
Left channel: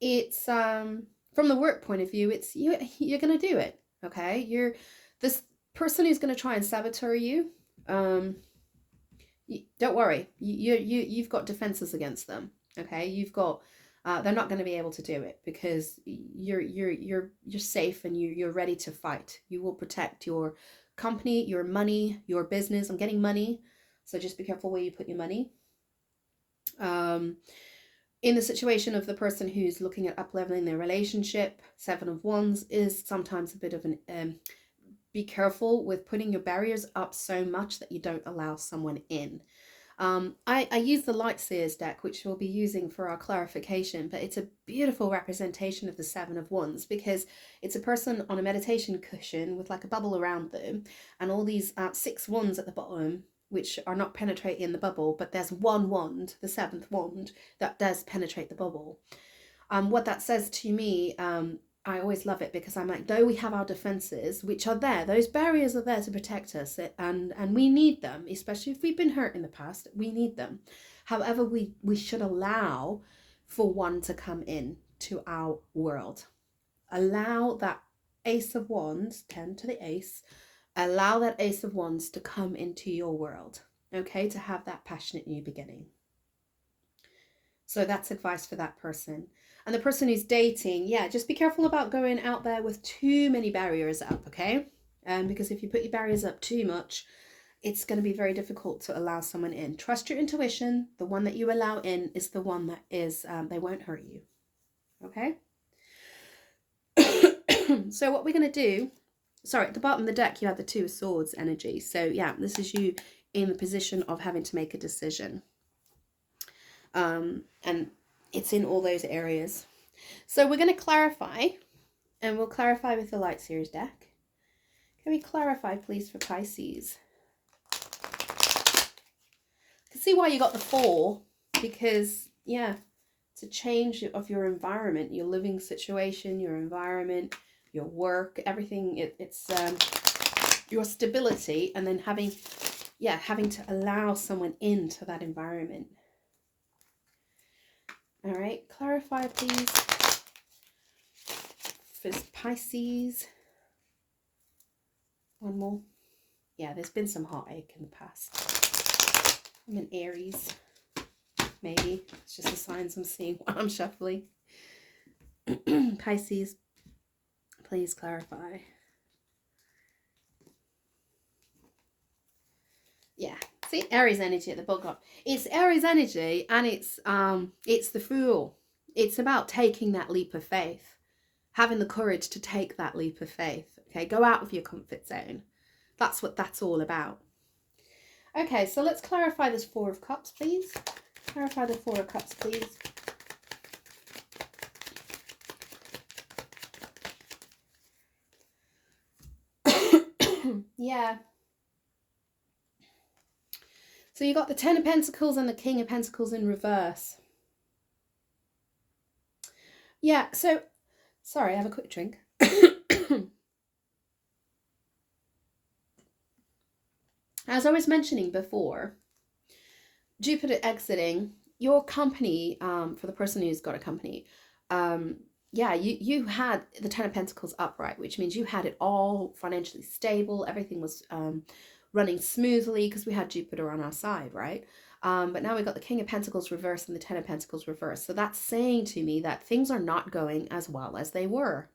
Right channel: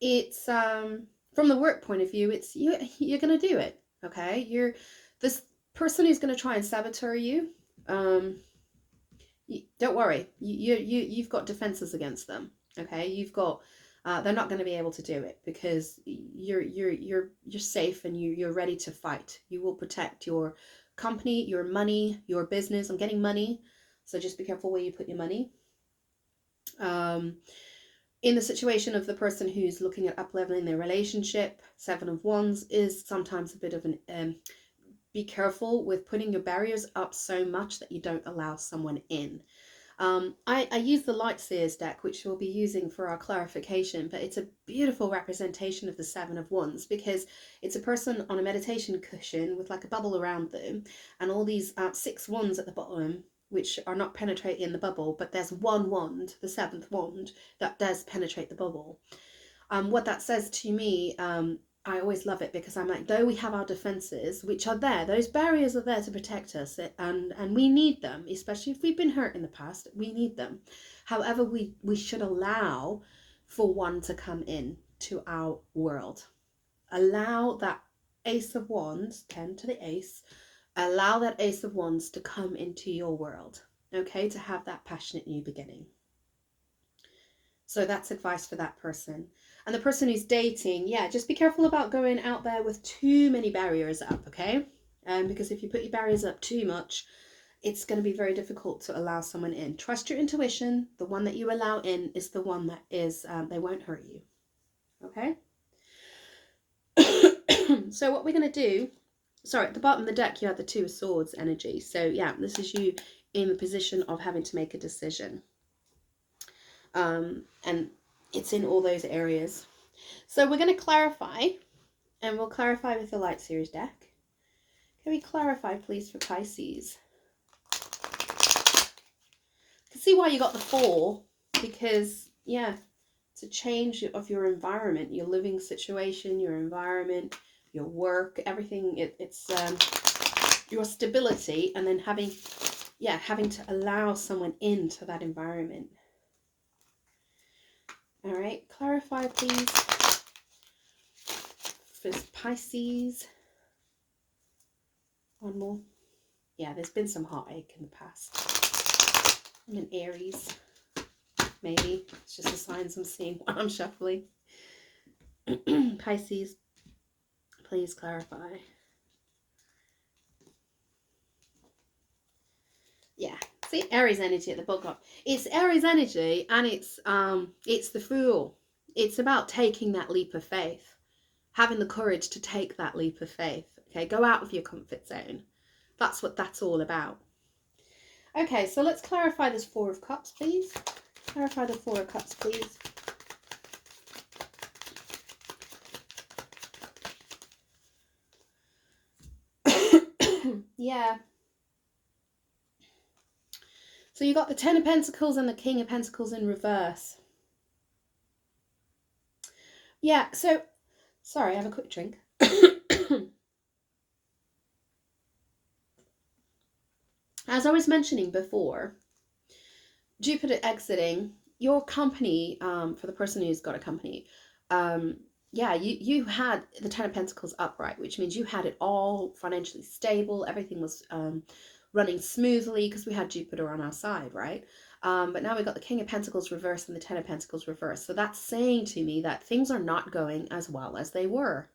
It's from the work point of view, it's you're going to do it. Okay, you're this person who's going to try and sabotage you. Don't worry. You've got defenses against them. Okay, you've got. They're not going to be able to do it, because you're safe and you're ready to fight. You will protect your company, your money, your business. I'm getting money, so just be careful where you put your money. In the situation of the person who's looking at up-leveling their relationship, Seven of Wands is sometimes a bit of an be careful with putting your barriers up so much that you don't allow someone in. I use the Lightseers deck, which we'll be using for our clarification, but it's a beautiful representation of the Seven of Wands, because it's a person on a meditation cushion with like a bubble around them, and all these 6 wands at the bottom, which are not penetrating the bubble, but there's one wand, the 7th wand, that does penetrate the bubble. What that says to me, I always love it, because I'm like, though we have our defenses, which are there, those barriers are there to protect us, and we need them, especially if we've been hurt in the past, we need them. However, we should allow for one to come in to our world. Allow that Ace of Wands, 10 to the Ace, allow that Ace of Wands to come into your world, okay, to have that passionate new beginning. So that's advice for that person. And the person who's dating, yeah, just be careful about going out there with too many barriers up, okay? Because if you put your barriers up too much, it's going to be very difficult to allow someone in. Trust your intuition. The one that you allow in is the one that is, they won't hurt you, okay? So what we're going to do, sorry, at the bottom of the deck, you have the Two of Swords energy. So yeah, this is you in the position of having to make a decision. And it's in all those areas. So we're going to clarify, and we'll clarify with the Lightseers deck. Can we clarify, please, for Pisces? I can see why you got the 4, because, yeah, it's a change of your environment, your living situation, your environment, your work, everything. It's your stability, and then having to allow someone into that environment. All right, clarify, please, for Pisces. One more. Yeah, there's been some heartache in the past. I'm an Aries. Maybe. It's just the signs I'm seeing while I'm shuffling. Pisces, please clarify. Yeah. See, Aries energy at the bottom. It's Aries energy, and it's the Fool. It's about taking that leap of faith. Having the courage to take that leap of faith. Okay, go out of your comfort zone. That's what that's all about. Okay, so let's clarify this 4 of Cups, please. Clarify the 4 of Cups, please. Yeah. So you got the Ten of Pentacles and the King of Pentacles in reverse. Yeah, so, sorry, I have a quick drink. As I was mentioning before, Jupiter exiting your company, for the person who's got a company, yeah, you had the Ten of Pentacles upright, which means you had it all financially stable. Everything was running smoothly because we had Jupiter on our side, right? But now we got the King of Pentacles reverse and the Ten of Pentacles reverse. So that's saying to me that things are not going as well as they were.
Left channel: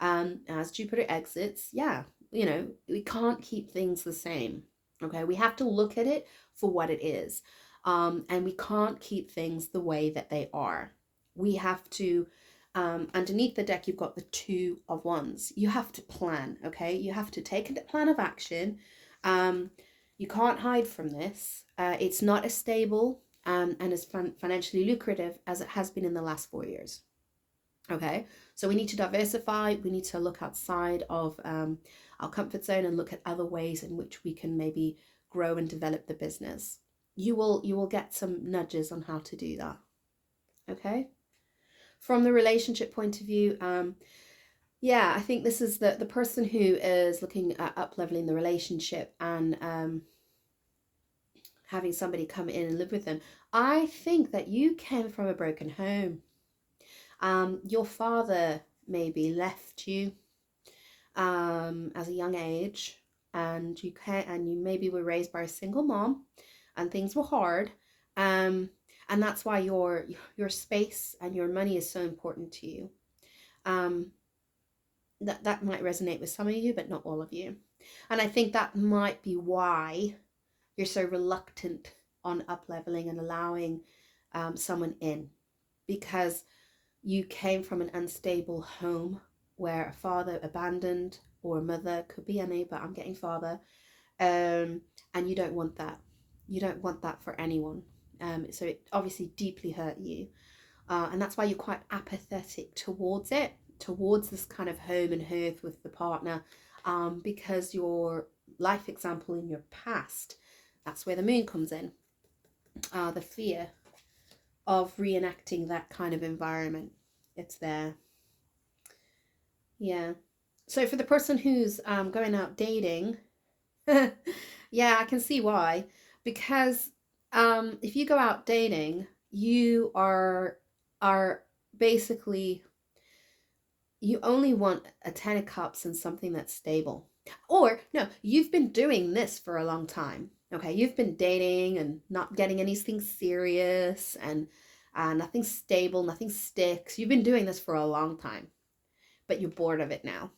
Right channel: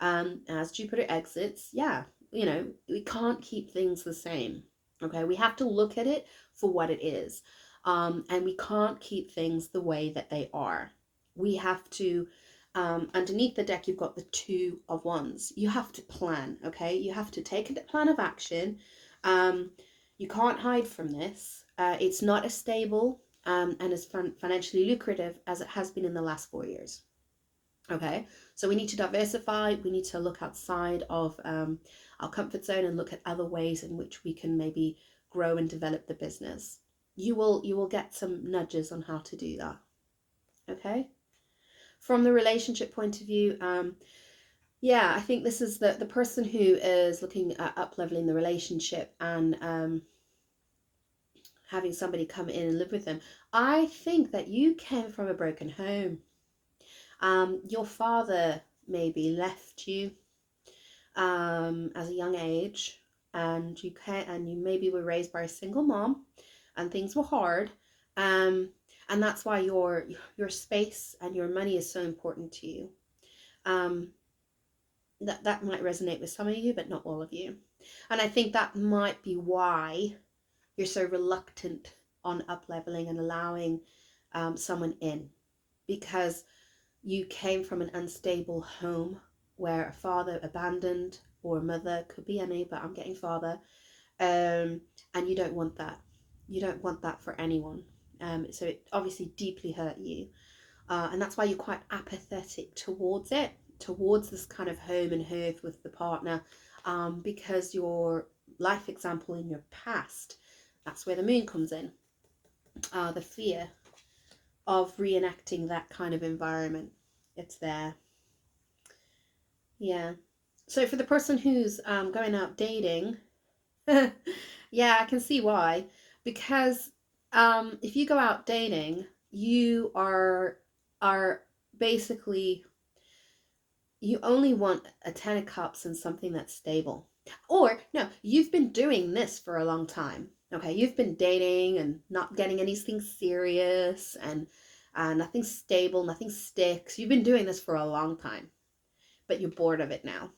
As Jupiter exits, yeah, you know, we can't keep things the same. Okay, we have to look at it for what it is. And we can't keep things the way that they are. We have to, underneath the deck, you've got the Two of Wands. You have to plan, okay? You have to take a plan of action. You can't hide from this. It's not as stable and as financially lucrative as it has been in the last 4 years. Okay, so we need to diversify. We need to look outside of our comfort zone and look at other ways in which we can maybe grow and develop the business. You will get some nudges on how to do that. Okay, from the relationship point of view, yeah, I think this is the person who is looking at up leveling the relationship and having somebody come in and live with them. I think that you came from a broken home. Your father maybe left you as a young age, and you maybe were raised by a single mom, and things were hard, and that's why your space and your money is so important to you. That might resonate with some of you, but not all of you, and I think that might be why you're so reluctant on up leveling and allowing someone in, because you came from an unstable home where a father abandoned, or a mother, could be any, but I'm getting father, and you don't want that. You don't want that for anyone. So it obviously deeply hurt you, and that's why you're quite apathetic towards it, towards this kind of home and hearth with the partner, because your life example in your past, that's where the moon comes in, the fear of reenacting that kind of environment. It's there. Yeah. So for the person who's going out dating, yeah, I can see why. Because if you go out dating, you are basically, you only want a Ten of Cups and something that's stable. Or no, you've been doing this for a long time. Okay, you've been dating and not getting anything serious, and nothing stable, nothing sticks. You've been doing this for a long time, but you're bored of it now.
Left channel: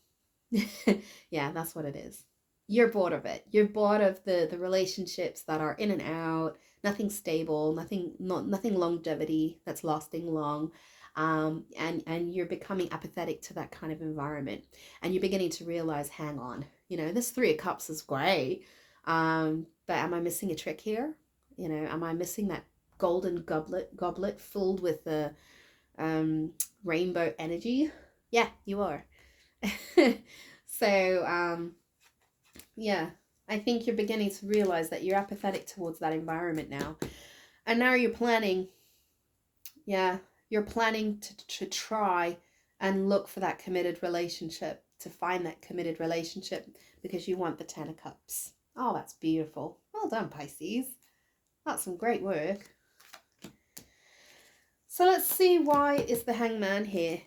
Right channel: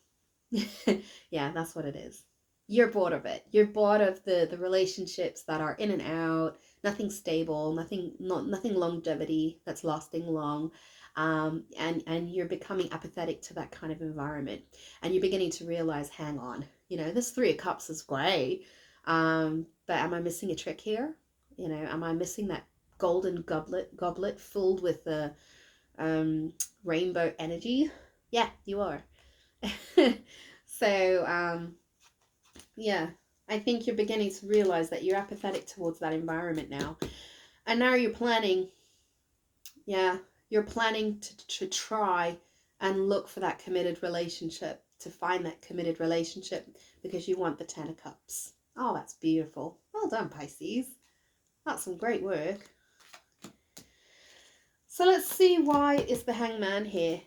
Yeah, that's what it is. You're bored of it. You're bored of the relationships that are in and out, nothing stable, nothing longevity that's lasting long. And you're becoming apathetic to that kind of environment, and you're beginning to realize, hang on, this Three of Cups is great, but am I missing a trick here? Am I missing that golden goblet filled with the rainbow energy? Yeah, you are. So, yeah, I think you're beginning to realize that you're apathetic towards that environment now. And now you're planning, yeah, you're planning to try and look for that committed relationship, to find that committed relationship, because you want the Ten of Cups. Oh, that's beautiful. Well done, Pisces. That's some great work. So let's see, why is the Hangman here?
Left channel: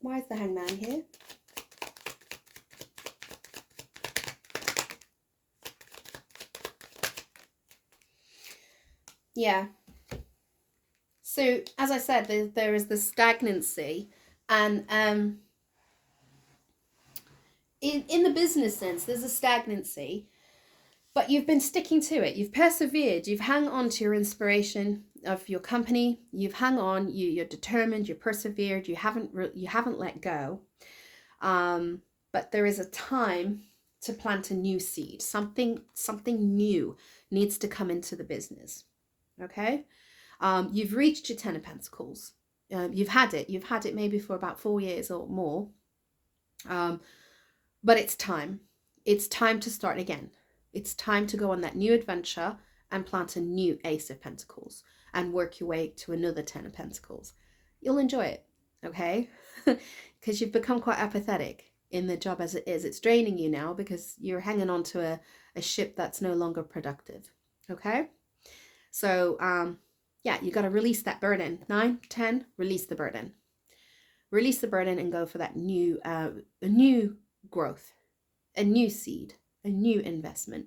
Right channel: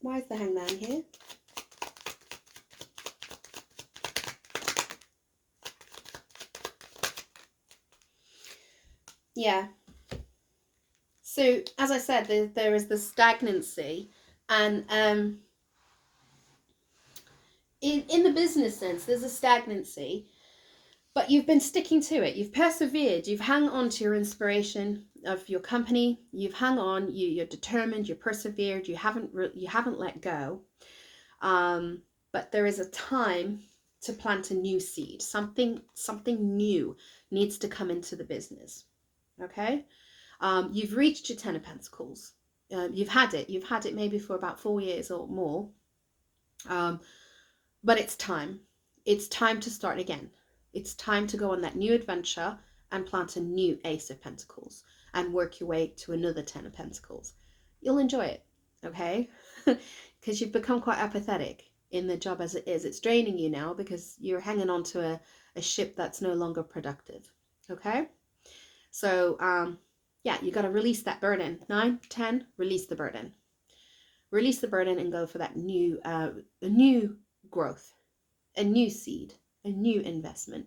Why is the Hangman here? Yeah. So as I said, there is the stagnancy, and in the business sense, there's a stagnancy, but you've been sticking to it. You've persevered. You've hung on to your inspiration of your company. You've hung on. You're determined. You're persevered. You haven't let go. But there is a time to plant a new seed. Something new needs to come into the business. Okay. You've reached your Ten of But it's time. It's time to start again. It's time to go on that new adventure and plant a new Ace of Pentacles and work your way to another Ten of Pentacles. You'll enjoy it, okay? Because you've become quite apathetic in the job as it is. It's draining you now because you're hanging on to a ship that's no longer productive, okay? So, yeah, you got to release that burden. 9, 10, release the burden. Release the burden and go for that a new growth, a new seed, a new investment,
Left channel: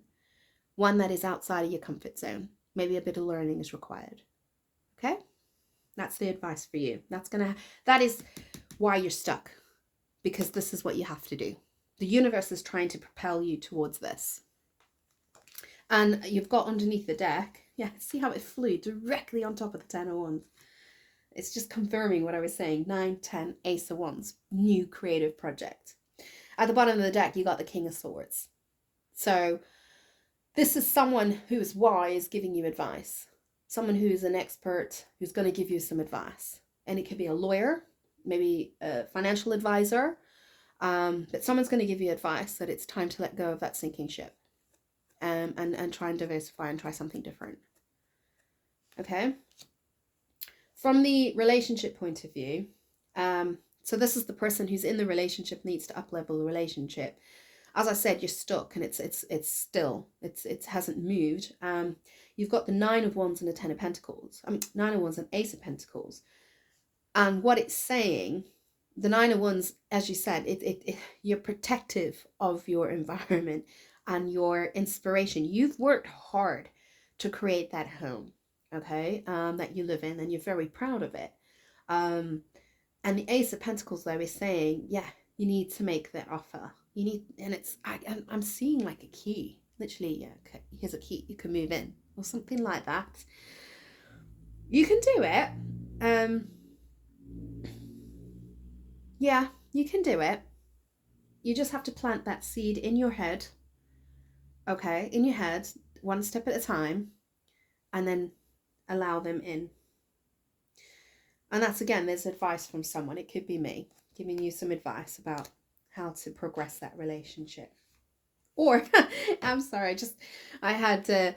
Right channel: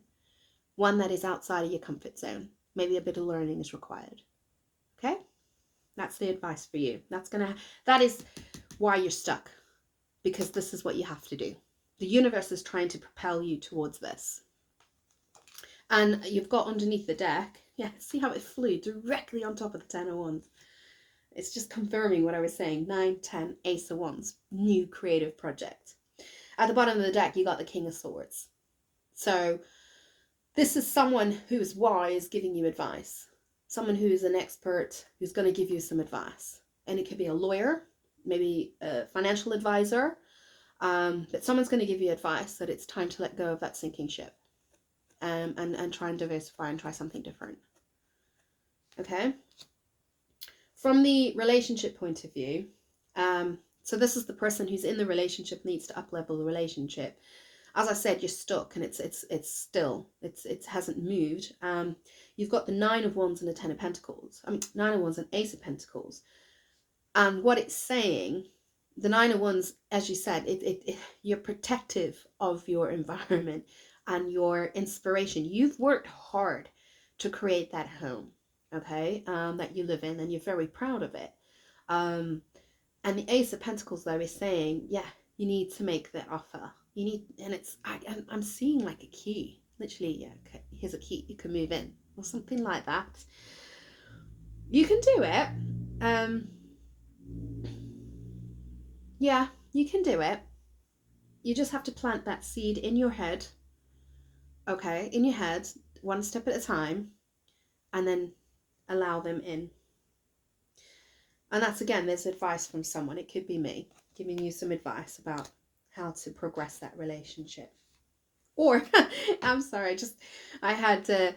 one that is outside of your comfort zone. Maybe a bit of learning is required. Okay? That's the advice for you. That is why you're stuck, because this is what you have to do. The universe is trying to propel you towards this. And you've got underneath the deck, yeah, see how it flew directly on top of the 10 of Wands. It's just confirming what I was saying. 9, 10, Ace of Wands, new creative project. At the bottom of the deck, you got the King of Swords. So this is someone who is wise giving you advice. Someone who is an expert who's going to give you some advice. And it could be a lawyer, maybe a financial advisor. But someone's going to give you advice that it's time to let go of that sinking ship. And try and diversify and try something different. Okay? From the relationship point of view, so this is the person who's in the relationship, needs to up-level the relationship. As I said, you're stuck and it's still, it hasn't moved. You've got the 9 of Wands and the 10 of Pentacles. 9 of Wands and Ace of Pentacles. And what it's saying, the 9 of Wands, as you said, you're protective of your environment and your inspiration. You've worked hard to create that home, okay, that you live in, and you're very proud of it. And the Ace of Pentacles, though, is saying, yeah, you need to make the offer. You need, and I'm seeing like a key. Literally, yeah, okay, here's a key. You can move in, or something like that. You can do it. Yeah, you can do it. You just have to plant that seed in your head. Okay, in your head, one step at a time, and then allow them in. And that's, again, there's advice from someone. It could be me giving you some advice about how to progress that relationship. Or, I'm sorry, I had a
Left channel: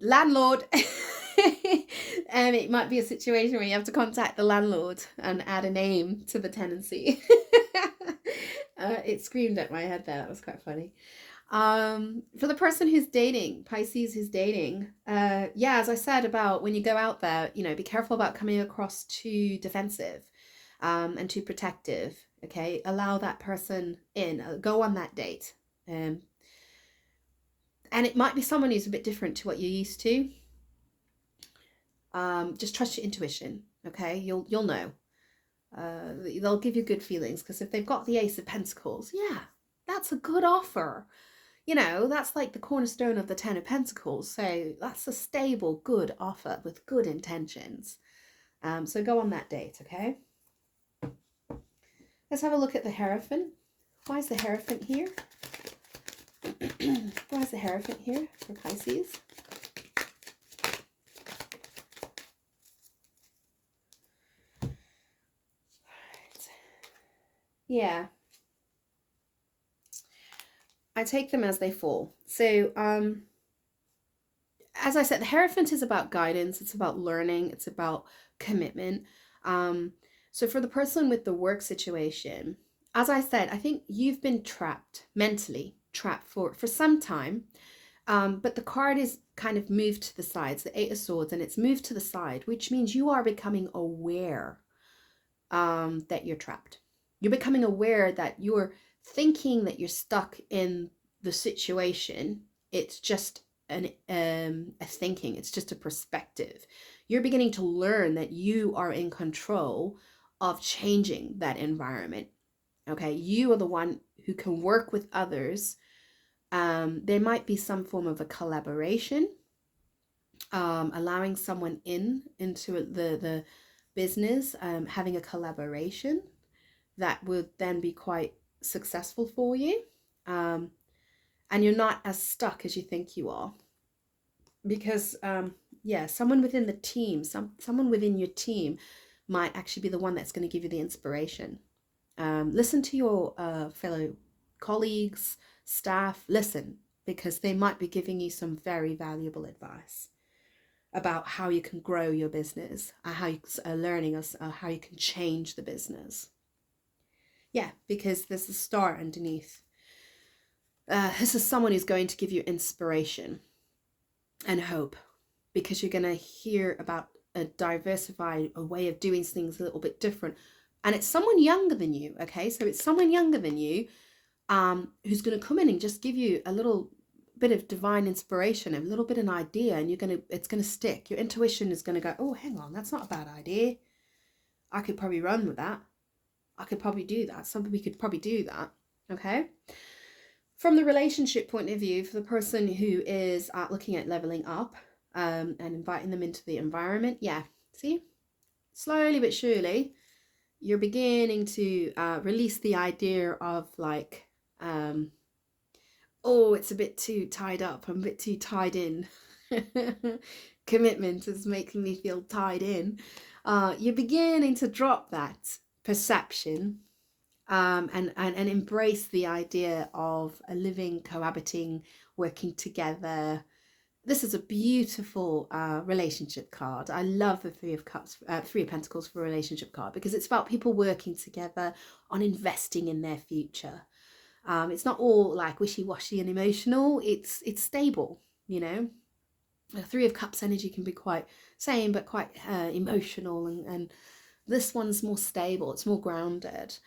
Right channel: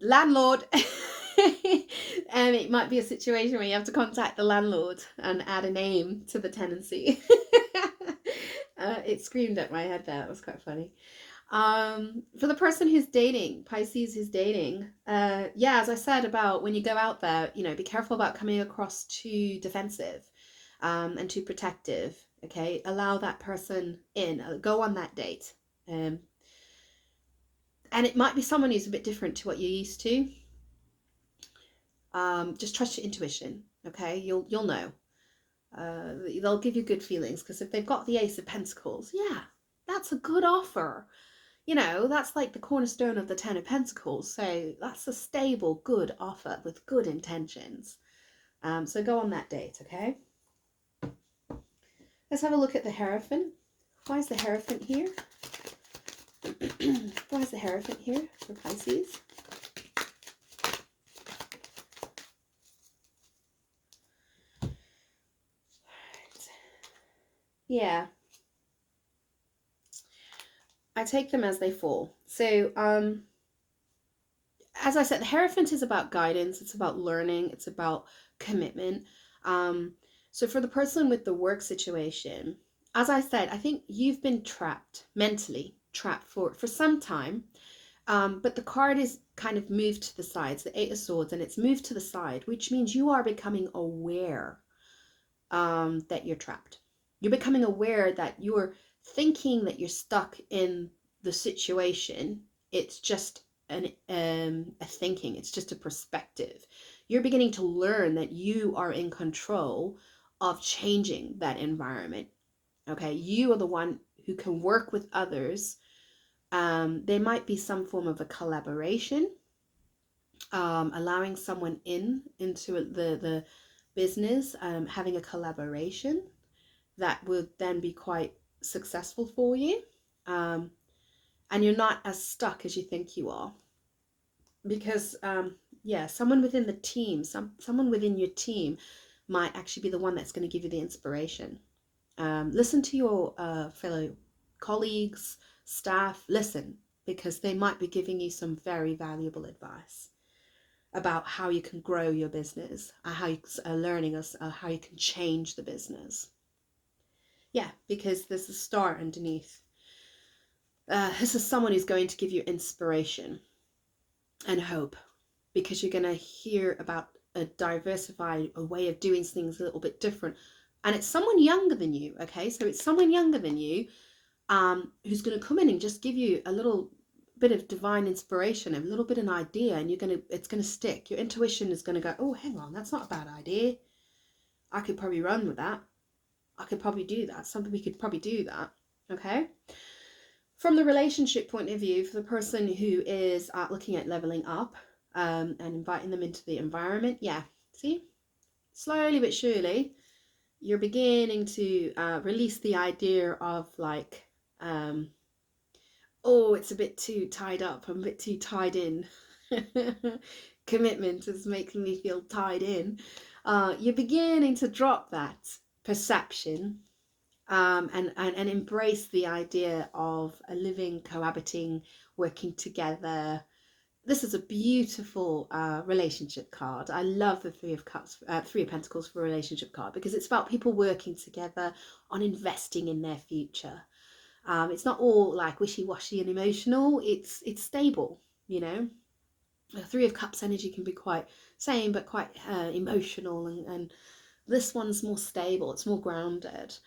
landlord. And it might be a situation where you have to contact the landlord and add a name to the tenancy. It screamed at my head there. It was quite funny. For the person who's dating, Pisces who's dating, yeah, as I said about when you go out there, be careful about coming across too defensive and too protective. Okay, allow that person in, go on that date. And it might be someone who's a bit different to what you're used to. Just trust your intuition. Okay, you'll know. They'll give you good feelings, because if they've got the Ace of Pentacles, yeah, that's a good offer. That's like the cornerstone of the 10 of Pentacles. So that's a stable, good offer with good intentions. So go on that date, okay? Let's have a look at the Hierophant. Why is the Hierophant here? Why is the Hierophant here for Pisces? Yeah. I take them as they fall. So, as I said, the Hierophant is about guidance. It's about learning. It's about commitment. So for the person with the work situation, as I said, I think you've been trapped, mentally trapped for some time. But the card is kind of moved to the sides, the 8 of Swords, and it's moved to the side, which means you are becoming aware that you're trapped. You're becoming aware that you're thinking that you're stuck in the situation. It's just a thinking. It's just a perspective. You're beginning to learn that you are in control of changing that environment. Okay, you are the one who can work with others. There might be some form of a collaboration, allowing someone into the business, having a collaboration that would then be quite successful for you. And you're not as stuck as you think you are. Because, yeah, someone within the team, someone within your team might actually be the one that's going to give you the inspiration. Listen to your fellow colleagues, staff, listen, because they might be giving you some very valuable advice about how you can grow your business, how you are learning us, how you can change the business. Yeah, because there's a star underneath. This is someone who's going to give you inspiration and hope, because you're going to hear about a diversified a way of doing things a little bit different. And it's someone younger than you, okay? So it's someone younger than you who's going to come in and just give you a little bit of divine inspiration, a little bit of an idea, and it's going to stick. Your intuition is going to go, oh, hang on, that's not a bad idea. I could probably run with that. I could probably do that. Somebody could probably do that, okay? From the relationship point of view, for the person who is looking at leveling up and inviting them into the environment, yeah, see, slowly but surely, you're beginning to release the idea of like, oh, it's a bit too tied up, I'm a bit too tied in. Commitment is making me feel tied in. You're beginning to drop that perception and embrace the idea of a living, cohabiting, working together. This is a beautiful relationship card. I love the Three of Cups, Three of Pentacles for a relationship card, because it's about people working together on investing in their future. It's not all like wishy-washy and emotional. It's stable, you know. The Three of Cups energy can be quite same, but quite emotional, and this one's more stable. It's more grounded.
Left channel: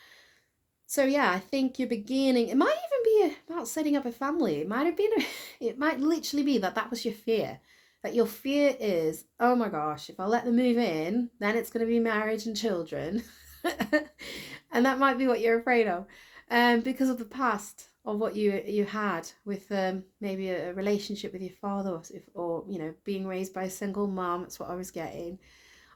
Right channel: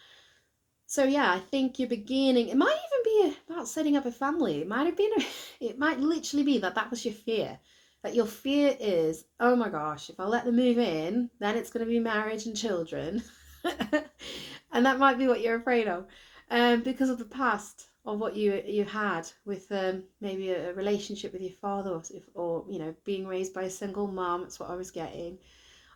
So yeah, I think you're beginning. It might even be about setting up a family. It might have been. It might literally be that was your fear. That your fear is, oh my gosh, if I let them move in, then it's going to be marriage and children, and that might be what you're afraid of, because of the past of what you had with maybe a relationship with your father, or you know, being raised by a single mom. That's what I was getting.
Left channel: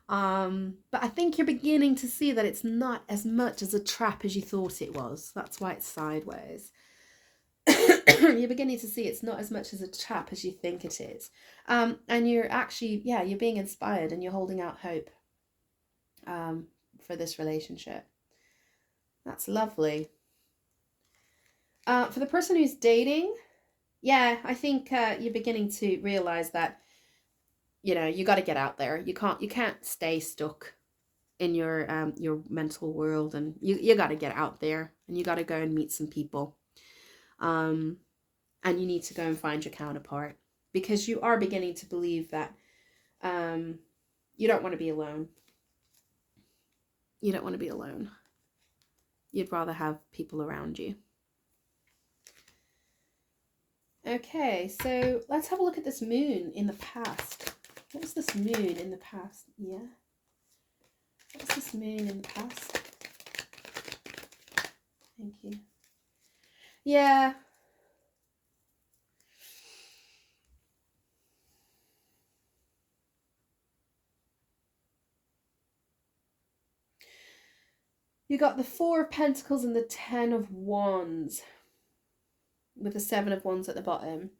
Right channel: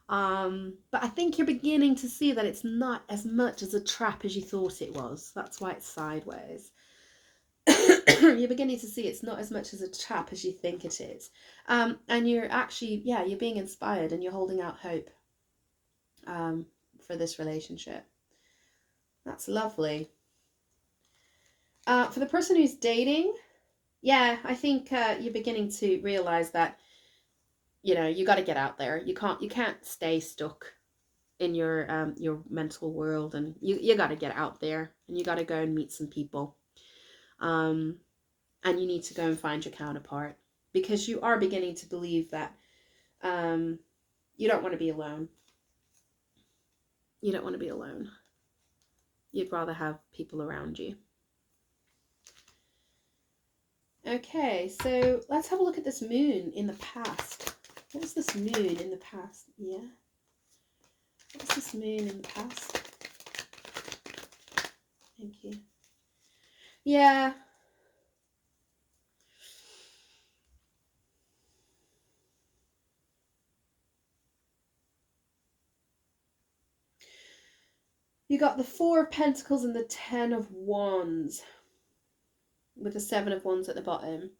But I think you're beginning to see that it's not as much as a trap as you thought it was. That's why it's sideways. You're beginning to see it's not as much as a trap as you think it is. And you're actually, yeah, you're being inspired and you're holding out hope for this relationship. That's lovely. For the person who's dating, yeah, I think you're beginning to realize that, you know, you got to get out there. You can't stay stuck in your mental world, and you got to get out there and you got to go and meet some people, and you need to go and find your counterpart, because you are beginning to believe that you don't want to be alone. You don't want to be alone. You'd rather have people around you. Okay, so let's have a look at this moon in the past. What was this moon in the past? Yeah. What was this moon in the past? Thank you. Yeah. You got the Four of Pentacles and the Ten of Wands, with the Seven of Wands at the bottom.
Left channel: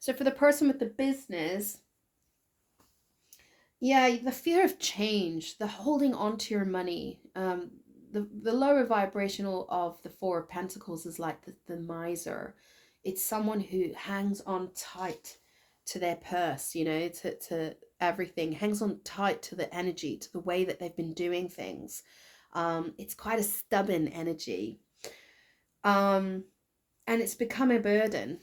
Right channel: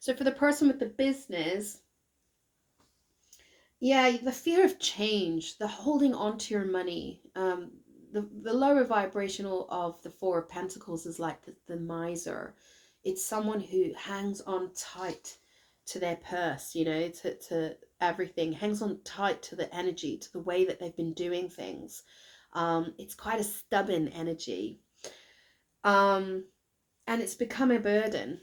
So for the person with the business, yeah, the fear of change, the holding on to your money, the lower vibrational of the Four of Pentacles is like the miser. It's someone who hangs on tight to their purse, you know, to everything, hangs on tight to the energy, to the way that they've been doing things. It's quite a stubborn energy. And it's become a burden.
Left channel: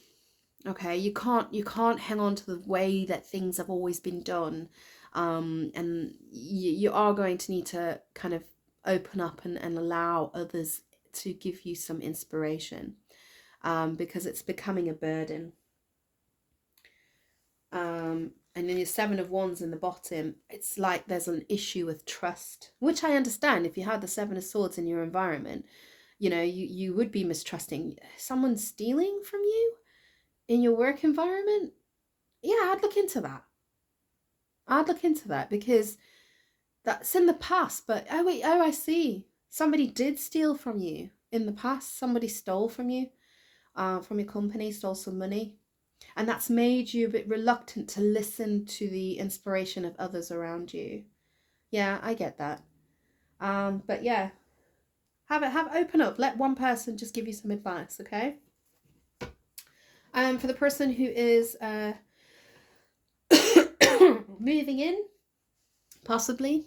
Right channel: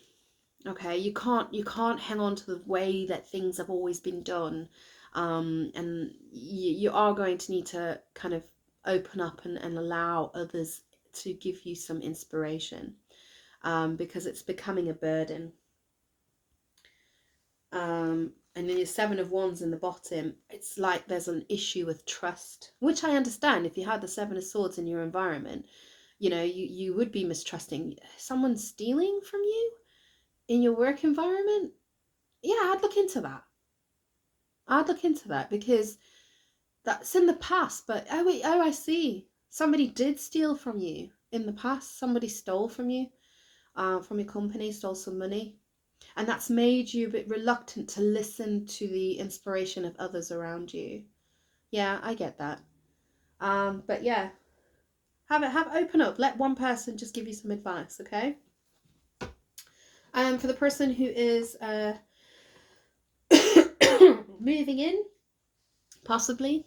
Okay, you can't hang on to the way that things have always been done, and you are going to need to kind of open up and allow others to give you some inspiration, because it's becoming a burden. And then your Seven of Wands in the bottom, it's like there's an issue with trust, which I understand. If you had the Seven of Swords in your environment, you know, you would be mistrusting. Someone stealing from you in your work environment? Yeah, I'd look into that. I'd look into that, because that's in the past. But oh wait, oh, I see. Somebody did steal from you in the past. Somebody stole from you, from your company, stole some money. And that's made you a bit reluctant to listen to the inspiration of others around you. Yeah, I get that. But yeah, Open up. Let one person just give you some advice, okay? For the person who is moving in, possibly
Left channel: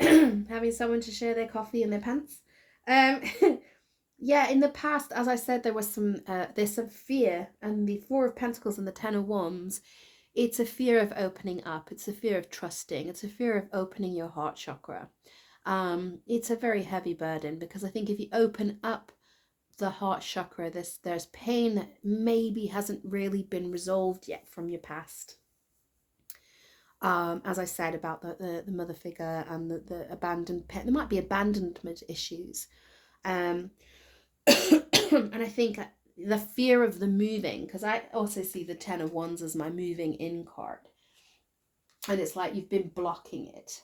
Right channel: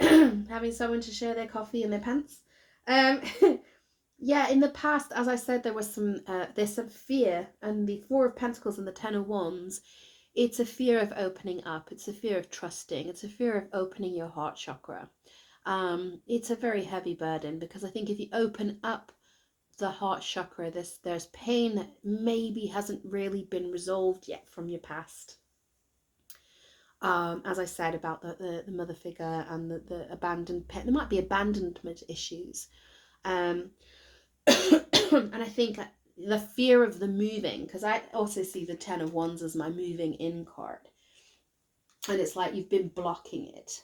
having someone to share their coffee and their pants. Yeah, in the past, as I said, there's some fear, and the Four of Pentacles and the Ten of Wands, it's a fear of opening up. It's a fear of trusting. It's a fear of opening your heart chakra. It's a very heavy burden, because I think if you open up the heart chakra, there's pain that maybe hasn't really been resolved yet from your past. As I said about the mother figure and the abandoned pet, there might be abandonment issues. And I think the fear of the moving, because I also see the Ten of Wands as my moving in card. And it's like you've been blocking it.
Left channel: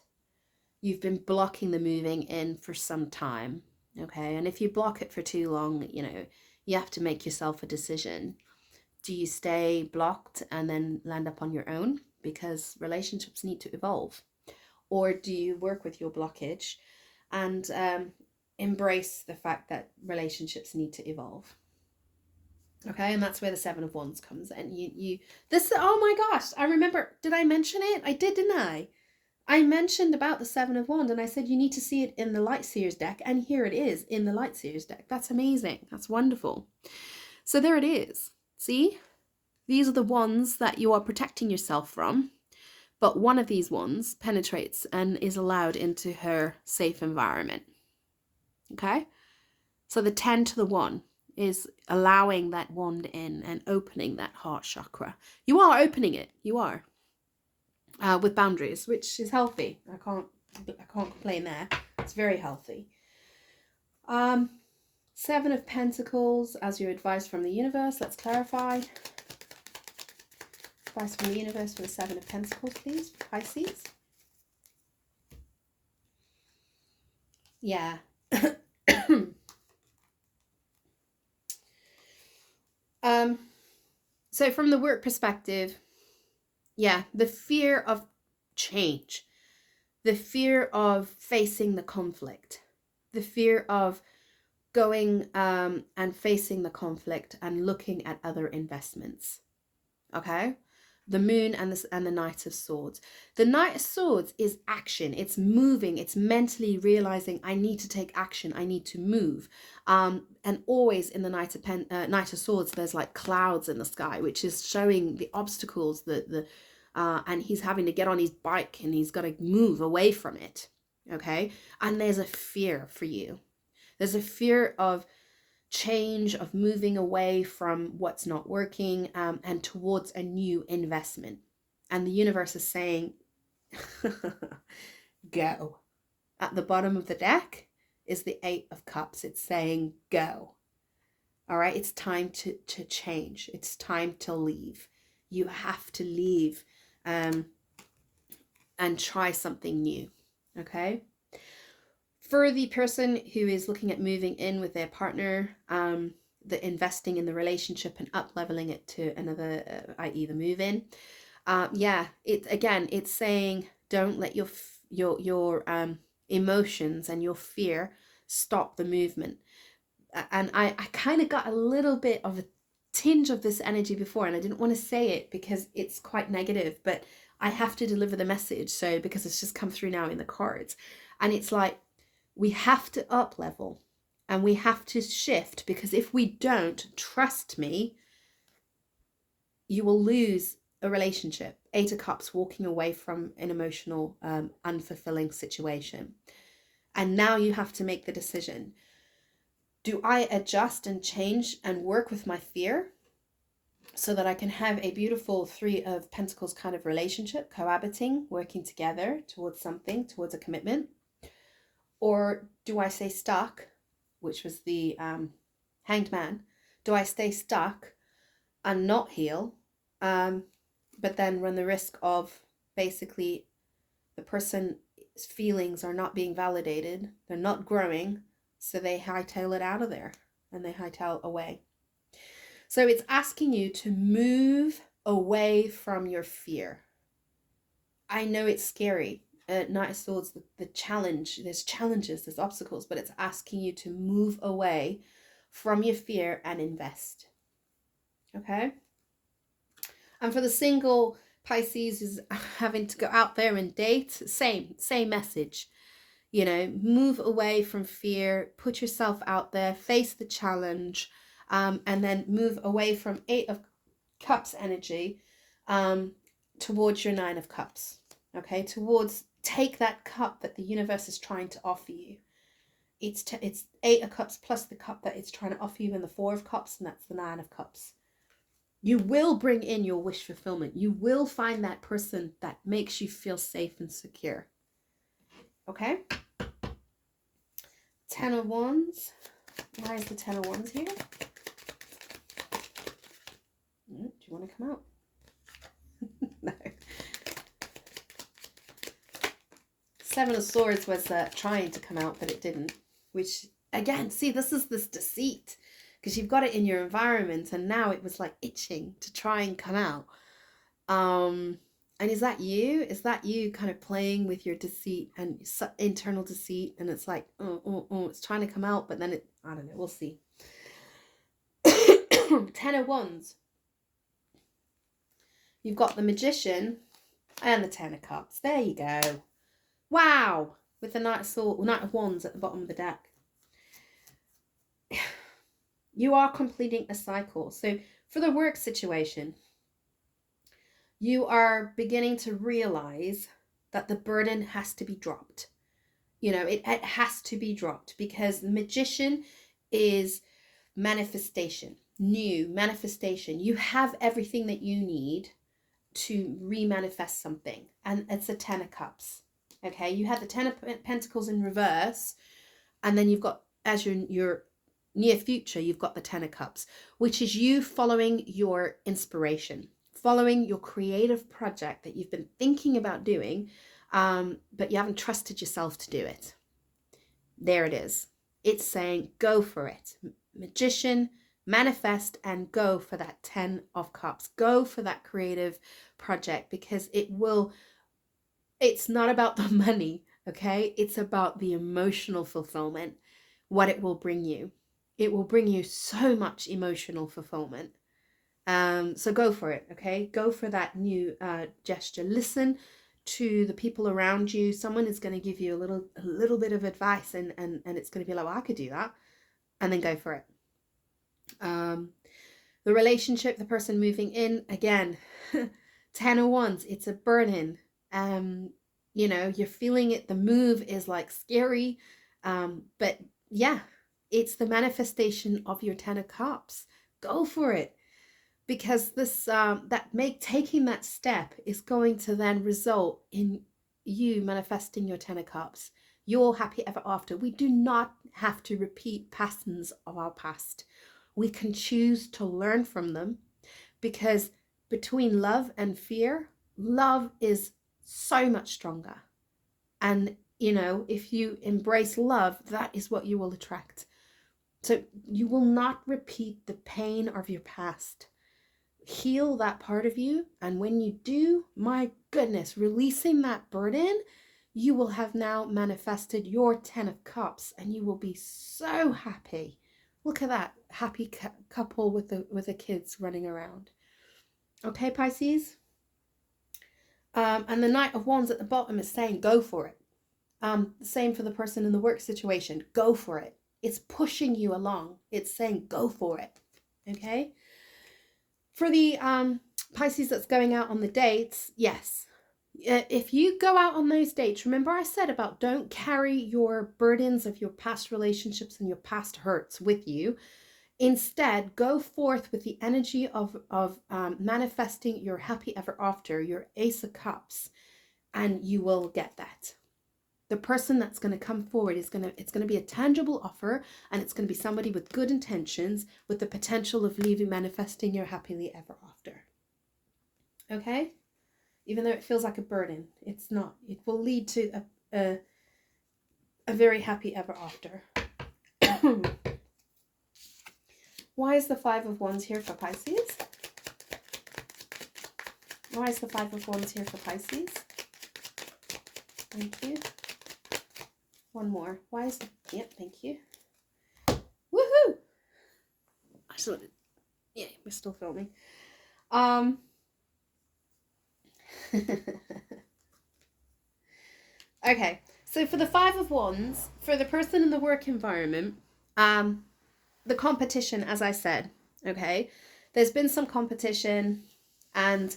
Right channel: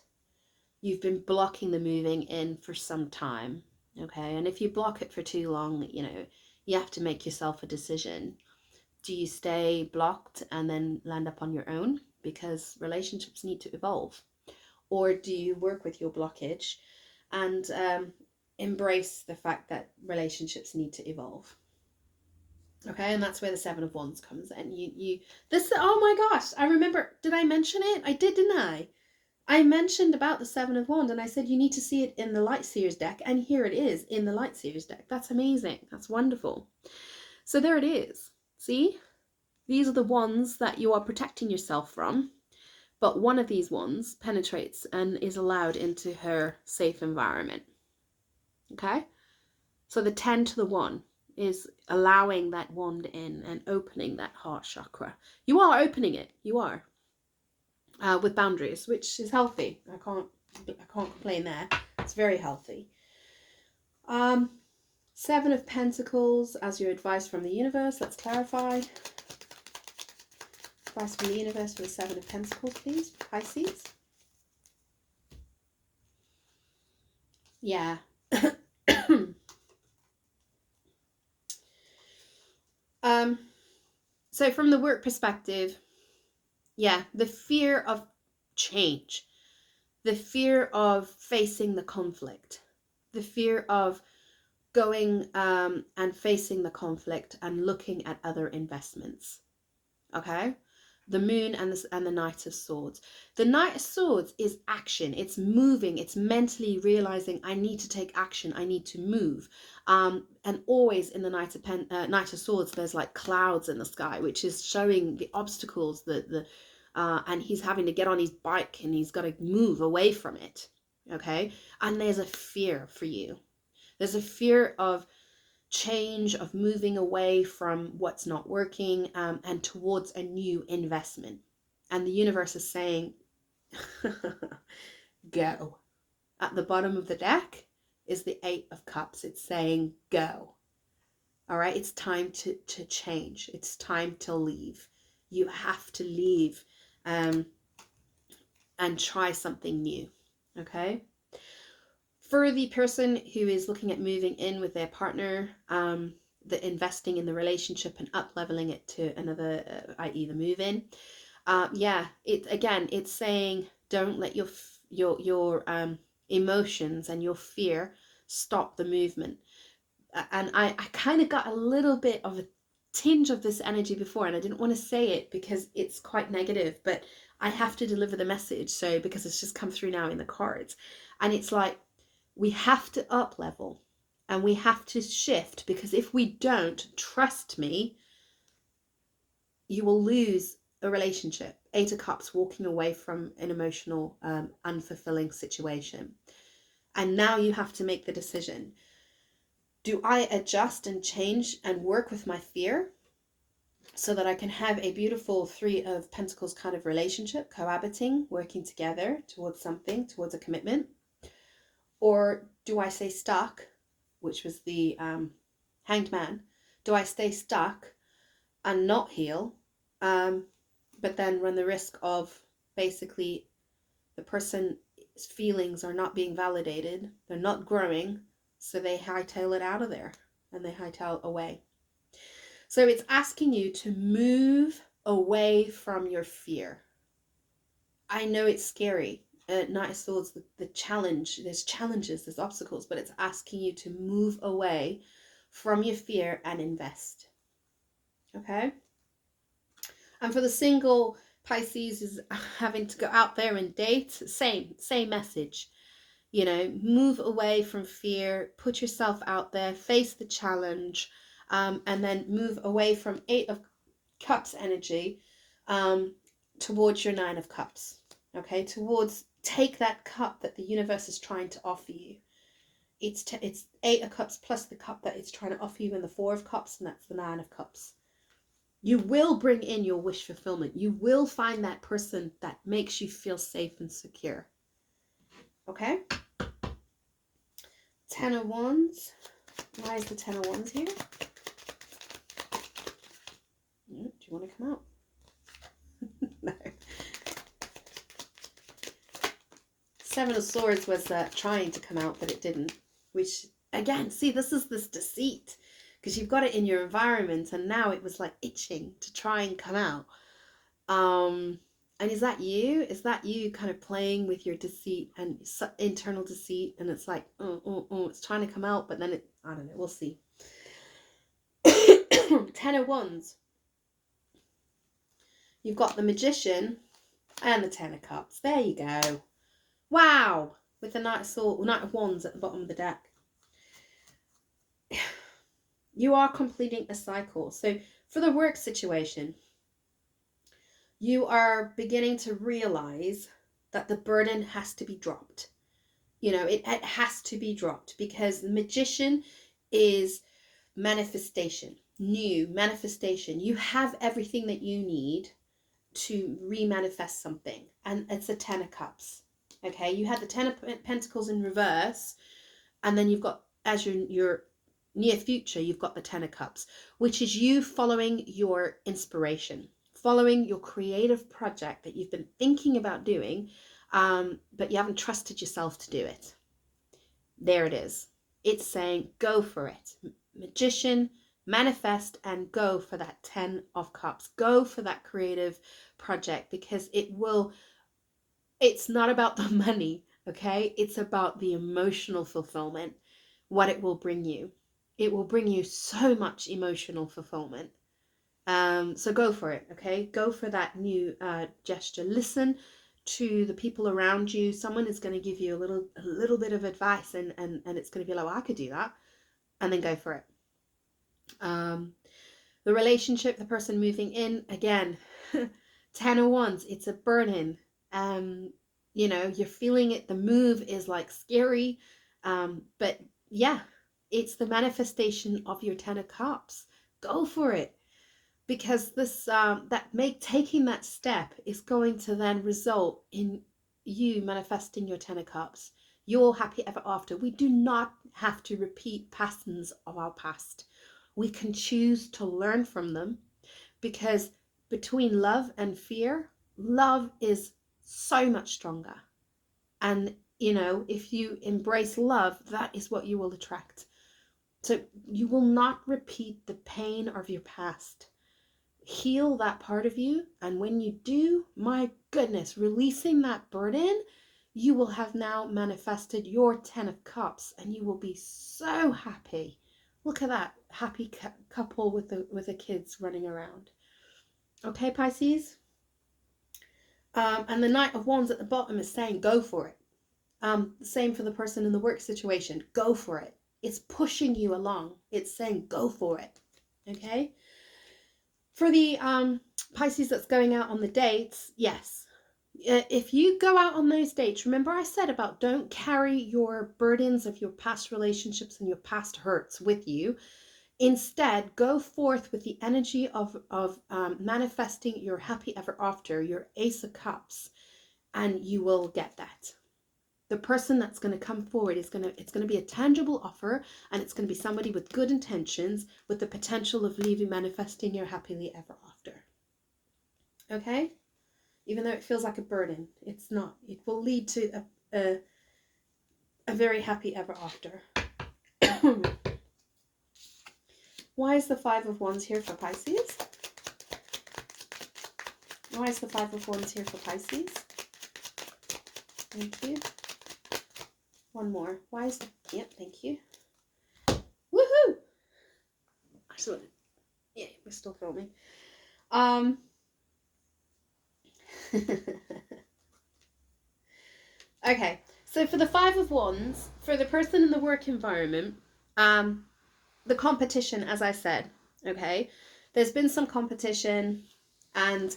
You've been blocking the moving in for some time. Okay. And if you block it for too long, you have to make yourself a decision. Do you stay blocked and then land up on your own? Because relationships need to evolve. Or do you work with your blockage and embrace the fact that relationships need to evolve? Okay, and that's where the Seven of Wands comes in. Oh my gosh, I remember, did I mention it? I did, didn't I? I mentioned about the Seven of Wands, and I said you need to see it in the Light Seers deck, and here it is in the Light Seers deck. That's amazing. That's wonderful. So there it is. See? These are the wands that you are protecting yourself from, but one of these wands penetrates and is allowed into her safe environment. Okay? So the 10 to the 1 is allowing that wand in and opening that heart chakra. You are opening it. You are. With boundaries, which is healthy. I can't complain there. It's very healthy. Seven of Pentacles as your advice from the universe. Let's clarify. Advice from the universe for the Seven of Pentacles, please. Pisces. Yeah. So from the work perspective, yeah, the fear of change, the fear of facing the conflict, the fear of going and facing the conflict and looking at other investments. Okay? The Moon and the Knight of Swords. The Knight of Swords is action. It's moving. It's mentally realizing I need to take action. I need to move. And always in the Knight of Swords, there's like clouds in the sky, which is showing the obstacles, and he's having to get on his bike and he's got to move away from it. Okay? And there's a fear for you. There's a fear of change, of moving away from what's not working and towards a new investment. And the universe is saying, go. At the bottom of the deck is the Eight of Cups. It's saying, go. All right, it's time to change. It's time to leave. You have to leave and try something new. Okay? For the person who is looking at moving in with their partner, the investing in the relationship and up leveling it to another, i.e. the move in. It's saying don't let your emotions and your fear stop the movement. And I kind of got a little bit of a tinge of this energy before, and I didn't want to say it because it's quite negative, but I have to deliver the message. So because it's just come through now in the cards, and it's like, we have to up level and we have to shift, because if we don't, trust me, you will lose a relationship. Eight of Cups, walking away from an emotional, unfulfilling situation. And now you have to make the decision. Do I adjust and change and work with my fear so that I can have a beautiful Three of Pentacles kind of relationship, cohabiting, working together towards something, towards a commitment? Or do I stay stuck, which was the Hanged Man? Do I stay stuck and not heal, but then run the risk of basically the person's feelings are not being validated, they're not growing, so they hightail it out of there and they hightail away. So it's asking you to move away from your fear. I know it's scary. Knight of Swords, the challenge, there's challenges, there's obstacles, but it's asking you to move away from your fear and invest. Okay? And for the single Pisces is having to go out there and date, same message. You know, move away from fear, put yourself out there, face the challenge, and then move away from 8 of Cups energy towards your 9 of Cups. Okay, towards, take that cup that the universe is trying to offer you. It's 8 of Cups plus the cup that it's trying to offer you in the 4 of Cups, and that's the 9 of Cups. You will bring in your wish fulfillment. You will find that person that makes you feel safe and secure. Okay? 10 of Wands. Why is the 10 of Wands here? Do you want to come out? No. 7 of Swords was trying to come out, but it didn't. Which, again, see, this is this deceit. Because you've got it in your environment, and now it was like itching to try and come out. And is that you? Is that you kind of playing with your deceit and internal deceit? And it's like, it's trying to come out, but then it, I don't know, we'll see. 10 of Wands. You've got the Magician and the 10 of Cups. There you go. Wow. With the Knight of Wands at the bottom of the deck. You are completing a cycle. So for the work situation, you are beginning to realize that the burden has to be dropped. You know, it has to be dropped, because the Magician is manifestation, new manifestation. You have everything that you need to re-manifest something, and it's a 10 of Cups. Okay, you had the 10 of Pentacles in reverse, and then you've got, as your near future, you've got the 10 of Cups, which is you following your inspiration, following your creative project that you've been thinking about doing, but you haven't trusted yourself to do it. There it is. It's saying, go for it. Magician, manifest, and go for that 10 of Cups. Go for that creative project, because it's not about the money, okay? It's about the emotional fulfillment, what it will bring you. It will bring you so much emotional fulfillment. So go for it, okay? Go for that new gesture. Listen to the people around you. Someone is going to give you a little bit of advice, and it's going to be like, well, I could do that. And then go for it. The relationship, the person moving in, again, 10 of Wands, it's a burden. You know, you're feeling it. The move is like scary. But yeah, it's the manifestation of your 10 of Cups. Go for it. Because this taking that step is going to then result in you manifesting your 10 of Cups, your happy ever after. We do not have to repeat patterns of our past. We can choose to learn from them, because between love and fear, love is so much stronger. And, you know, if you embrace love, that is what you will attract. So you will not repeat the pain of your past. Heal that part of you, and when you do, my goodness, releasing that burden, you will have now manifested your 10 of Cups, and you will be so happy. Look at that happy couple with the kids running around. Okay, Pisces. And the Knight of Wands at the bottom is saying, go for it. Same for the person in the work situation. Go for it. It's pushing you along. It's saying, go for it. Okay. For the Pisces that's going out on the dates, yes. If you go out on those dates, remember I said about don't carry your burdens of your past relationships and your past hurts with you. Instead, go forth with the energy of manifesting your happy ever after, your Ace of Cups, and you will get that. The person that's going to come forward it's going to be a tangible offer, and it's going to be somebody with good intentions, with the potential of manifesting your happily ever after. Okay? Even though it feels like a burden, it's not. It will lead to a very happy ever after. Why is the 5 of Wands here for Pisces? Why is the 5 of Wands here for Pisces? Thank you. One more. Why is that? Yep, thank you. Woohoo! Excellent. Yeah, we're still filming. Okay, so for the Five of Wands, for the person in the work environment, the competition, as I said, okay, there's been some competition, and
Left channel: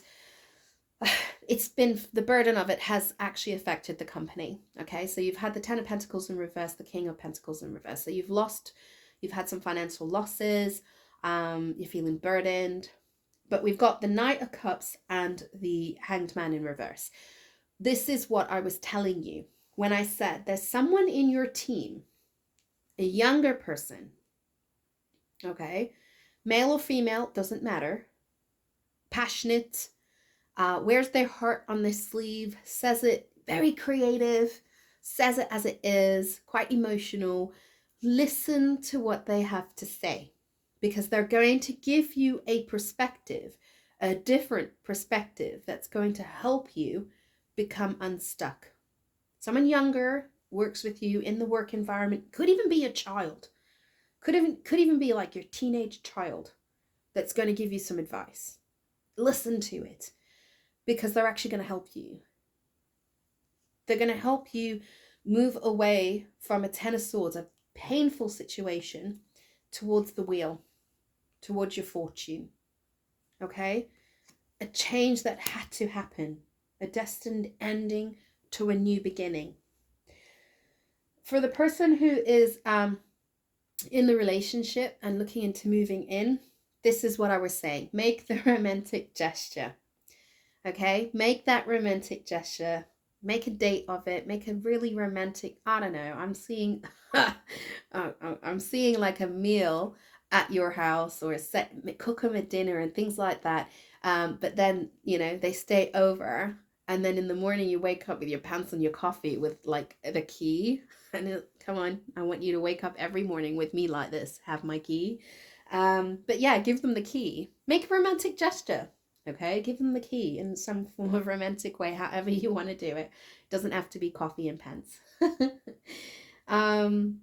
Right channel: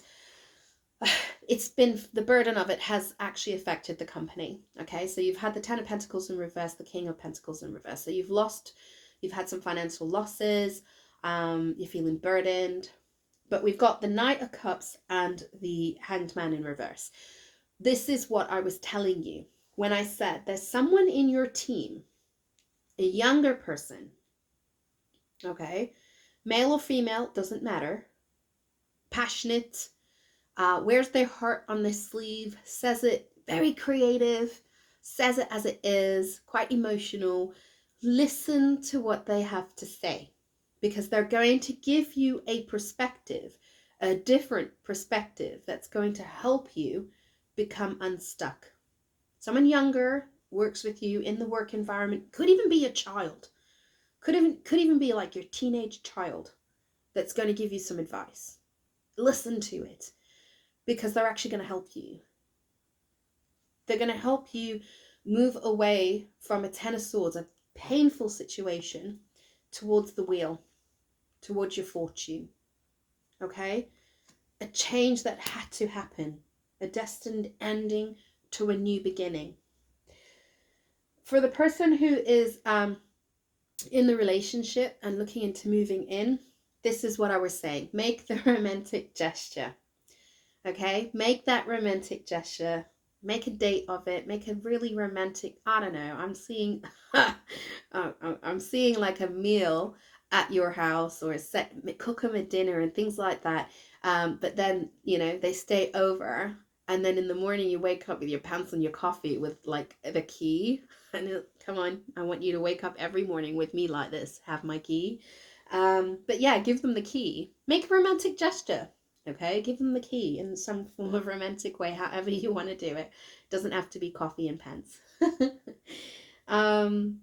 it's been, the burden of it has actually affected the company. Okay, so you've had the Ten of Pentacles in reverse, the King of Pentacles in reverse. So you've had some financial losses, you're feeling burdened, but we've got the Knight of Cups and the Hanged Man in reverse. This is what I was telling you when I said there's someone in your team, a younger person, okay, male or female, doesn't matter, passionate, wears their heart on their sleeve, says it very creative, says it as it is, quite emotional. Listen to what they have to say, because they're going to give you a perspective, a different perspective that's going to help you become unstuck. Someone younger works with you in the work environment, could even be a child, could even be like your teenage child, that's going to give you some advice. Listen to it, because they're actually going to help you. They're going to help you move away from a Ten of Swords, a painful situation, towards the wheel, towards your fortune. Okay? A change that had to happen, a destined ending to a new beginning. For the person who is in the relationship and looking into moving in, this is what I was saying. Make the romantic gesture. Okay? Make that romantic gesture. Make a date of it. Make a really romantic, I don't know, I'm seeing I'm seeing like a meal at your house, or cook them a dinner and things like that. But then, you know, they stay over, and then in the morning you wake up with your pants and your coffee with like the key. And come on, I want you to wake up every morning with me like this. Have my key. But yeah, give them the key. Make a romantic gesture. Okay, give them the key in some form of romantic way, however you want to do it. Doesn't have to be coffee and pants.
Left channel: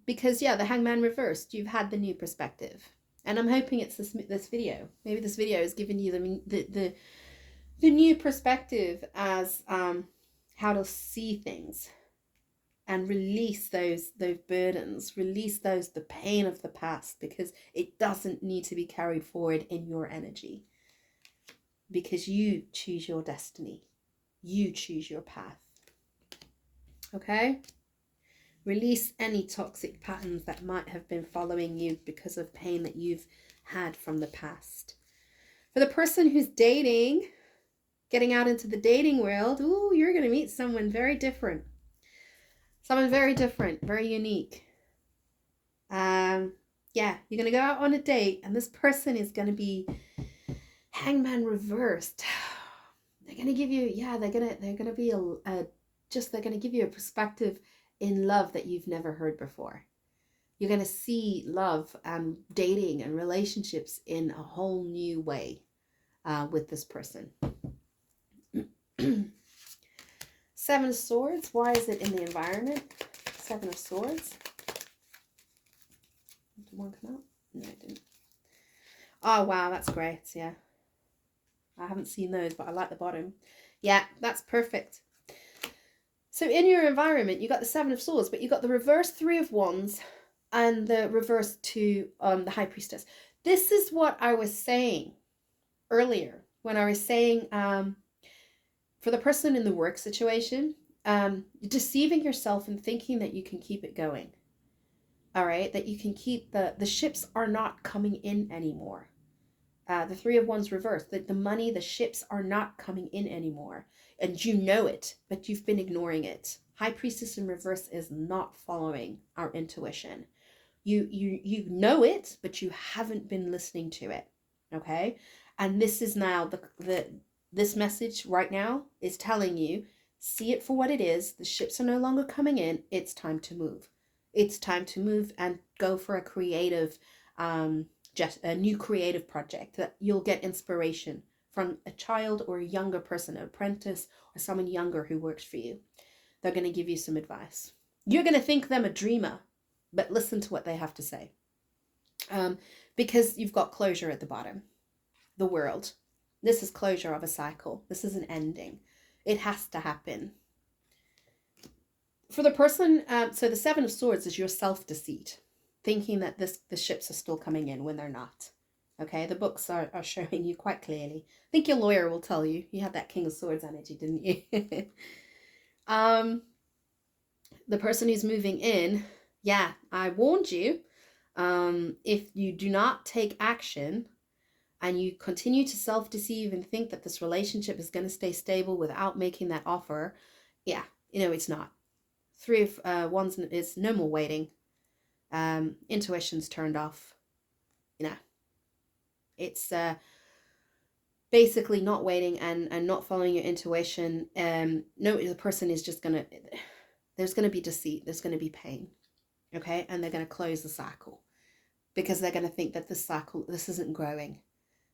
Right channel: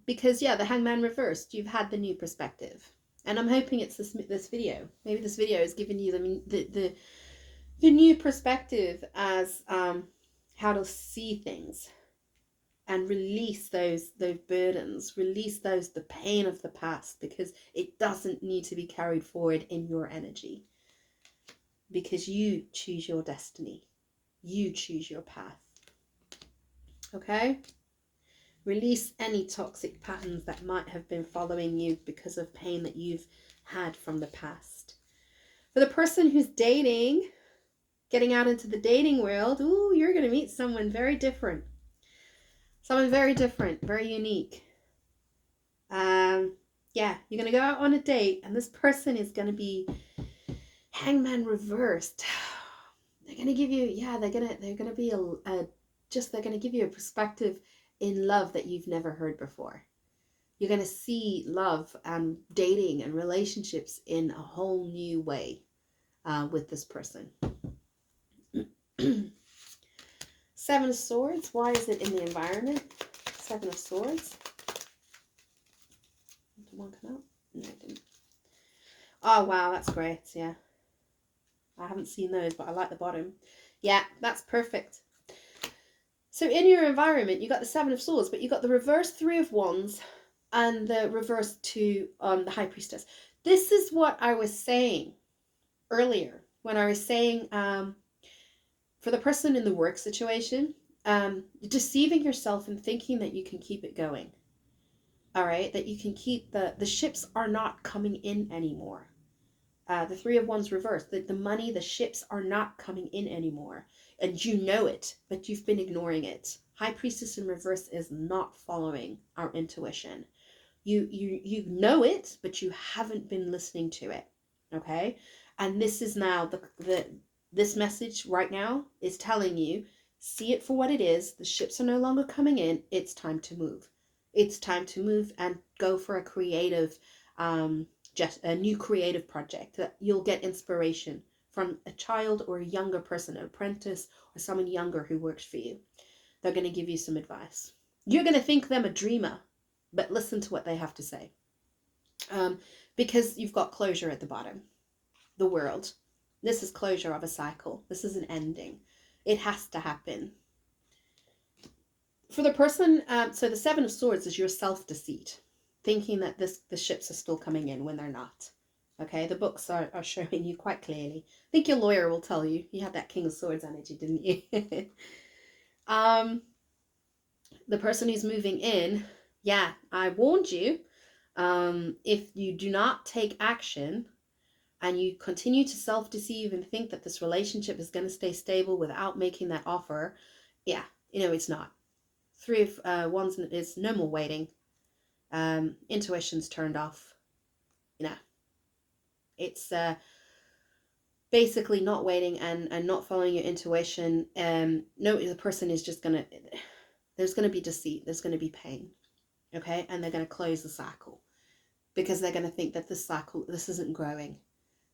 Because yeah, the Hangman reversed. You've had the new perspective, and I'm hoping it's this video. Maybe this video is giving you the new perspective as how to see things and release those burdens, release the pain of the past, because it doesn't need to be carried forward in your energy, because you choose your destiny, you choose your path. Okay, release any toxic patterns that might have been following you because of pain that you've had from the past. For the person who's dating, getting out into the dating world, ooh, you're going to meet someone very different. Someone very different, very unique. Yeah, you're going to go out on a date, and this person is going to be Hangman reversed. They're going to give you, yeah, they're going to be they're going to give you a perspective in love that you've never heard before. You're going to see love and dating and relationships in a whole new way with this person. Seven of Swords. Why is it in the environment? Seven of Swords. Did one come out? No, it didn't. Oh, wow, that's great. Yeah. I haven't seen those, but I like the bottom. Yeah, that's perfect. So in your environment, you got the Seven of Swords, but you got the reverse Three of Wands and the reverse two on the High Priestess. This is what I was saying earlier when I was saying for the person in the work situation, deceiving yourself and thinking that you can keep it going. All right, that you can keep the ships are not coming in anymore. The Three of Wands reversed, the money, the ships are not coming in anymore. And you know it, but you've been ignoring it. High Priestess in reverse is not following our intuition. You know it, but you haven't been listening to it. Okay? And this is now this message right now is telling you, see it for what it is. The ships are no longer coming in. It's time to move. It's time to move and go for a creative just a new creative project that you'll get inspiration from a child or a younger person, an apprentice or someone younger who works for you. They're going to give you some advice. You're going to think them a dreamer, but listen to what they have to say. Because you've got closure at the bottom. The world. This is closure of a cycle. This is an ending. It has to happen. For the person, so the Seven of Swords is your self-deceit, thinking that the ships are still coming in when they're not. Okay, the books are showing you quite clearly. I think your lawyer will tell you. You had that King of Swords energy, didn't you? The person who's moving in, yeah, I warned you. If you do not take action and you continue to self-deceive and think that this relationship is going to stay stable without making that offer, yeah, it's not. Three of Wands is no more waiting. Intuition's turned off. It's basically not waiting and not following your intuition. No, the person is just gonna. There's gonna be deceit. There's gonna be pain. Okay, and they're gonna close the cycle because they're gonna think that this cycle, this isn't growing,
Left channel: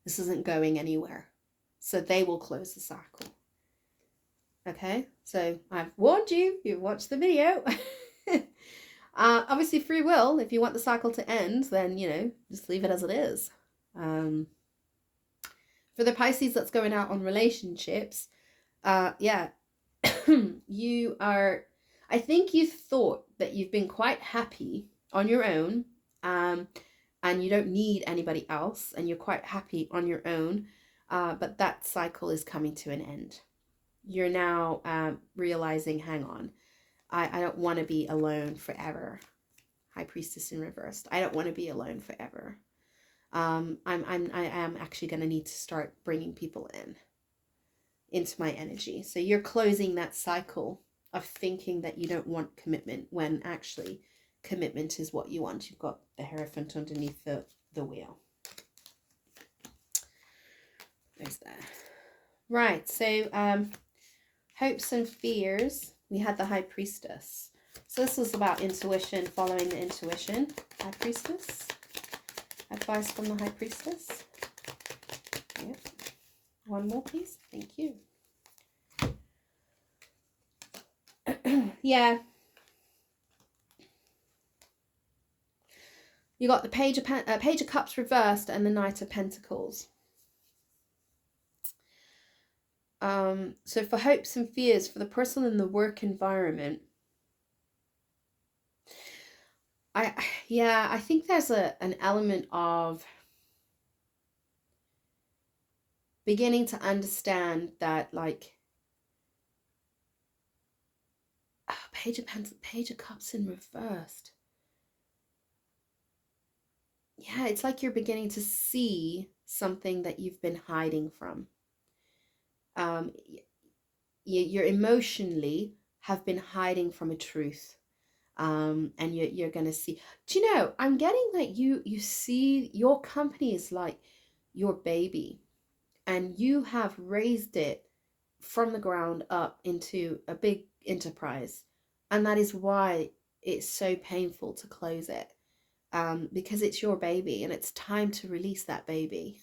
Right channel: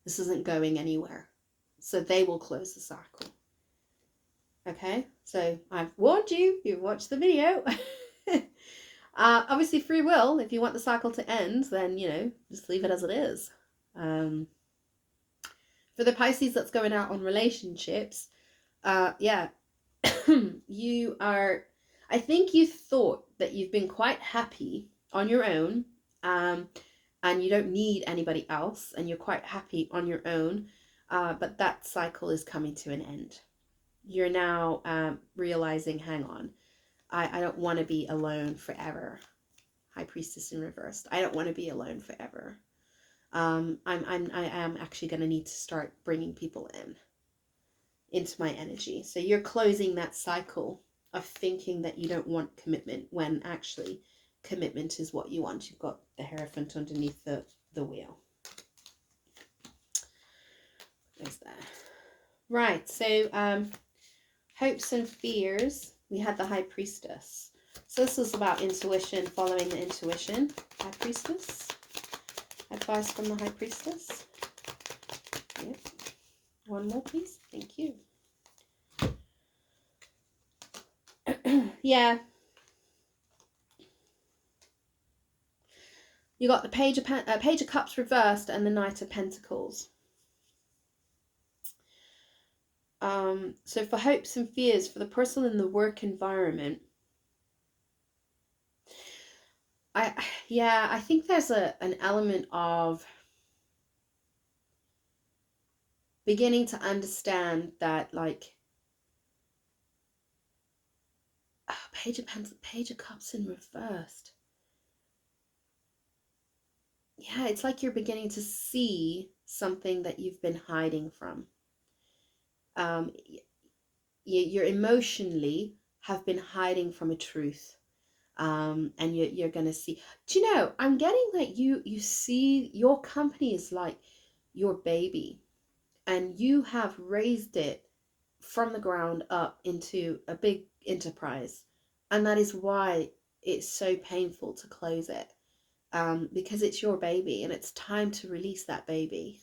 this isn't going anywhere. So they will close the cycle. Okay, so I've warned you. You've watched the video. Obviously, free will. If you want the cycle to end, then just leave it as it is. For the Pisces that's going out on relationships, yeah, you are. I think you thought that you've been quite happy on your own, and you don't need anybody else, and you're quite happy on your own, but that cycle is coming to an end. You're now realizing, hang on, I don't want to be alone forever. High Priestess in reversed. I don't want to be alone forever. I am actually going to need to start bringing people into my energy. So you're closing that cycle of thinking that you don't want commitment when actually commitment is what you want. You've got the Hierophant underneath the wheel. There's that. Right, so hopes and fears. We had the High Priestess. So this was about intuition, following the intuition. High Priestess. Advice from the High Priestess. Yep. One more, please. Thank you. Yeah. You got the Page of Cups reversed and the Knight of Pentacles. So for hopes and fears, for the person in the work environment, I think there's an element of beginning to understand that, like, Page of Cups in reversed. Yeah, it's like you're beginning to see something that you've been hiding from. You emotionally have been hiding from a truth. And you're going to see. Do you know, I'm getting that you see your company is like your baby, and you have raised it from the ground up into a big enterprise, and that is why it's so painful to close it, because it's your baby and it's time to release that baby.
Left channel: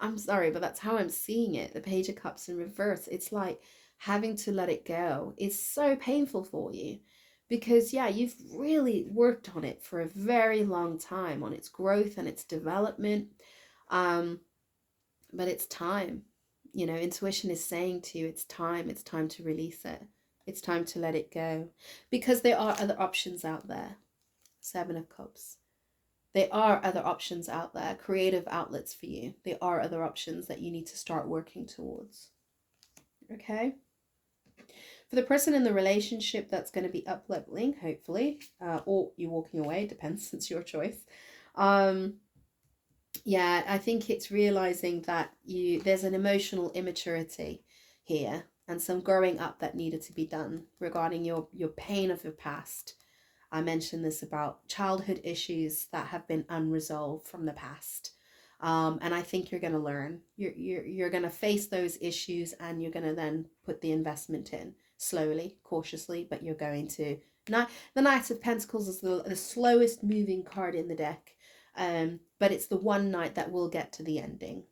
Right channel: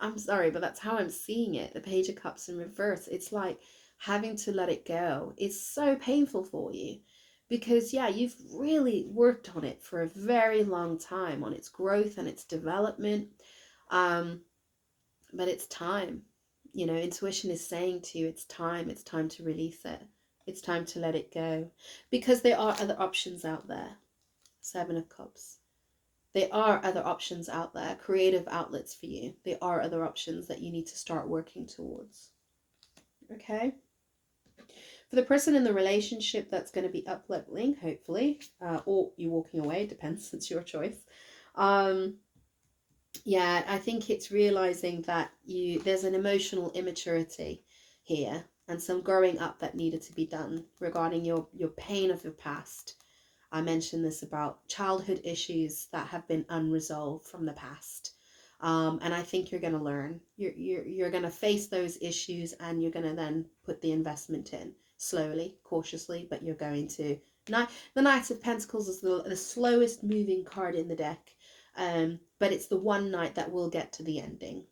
I'm sorry, but that's how I'm seeing it. The Page of Cups in reverse, it's like having to let it go. It's so painful for you because, yeah, you've really worked on it for a very long time, on its growth and its development, but it's time. Intuition is saying to you, it's time to release it. It's time to let it go, because there are other options out there. Seven of Cups. There are other options out there, creative outlets for you. There are other options that you need to start working towards. Okay? For the person in the relationship that's going to be up-leveling, hopefully, or you're walking away, depends, it's your choice. Yeah, I think it's realizing that there's an emotional immaturity here and some growing up that needed to be done regarding your pain of your past. I mentioned this about childhood issues that have been unresolved from the past. And I think you're going to learn. You're going to face those issues, and you're going to then put the investment in slowly, cautiously, but you're going to. Now, the Knight of Pentacles is the slowest moving card in the deck, but it's the one knight that will get to the ending.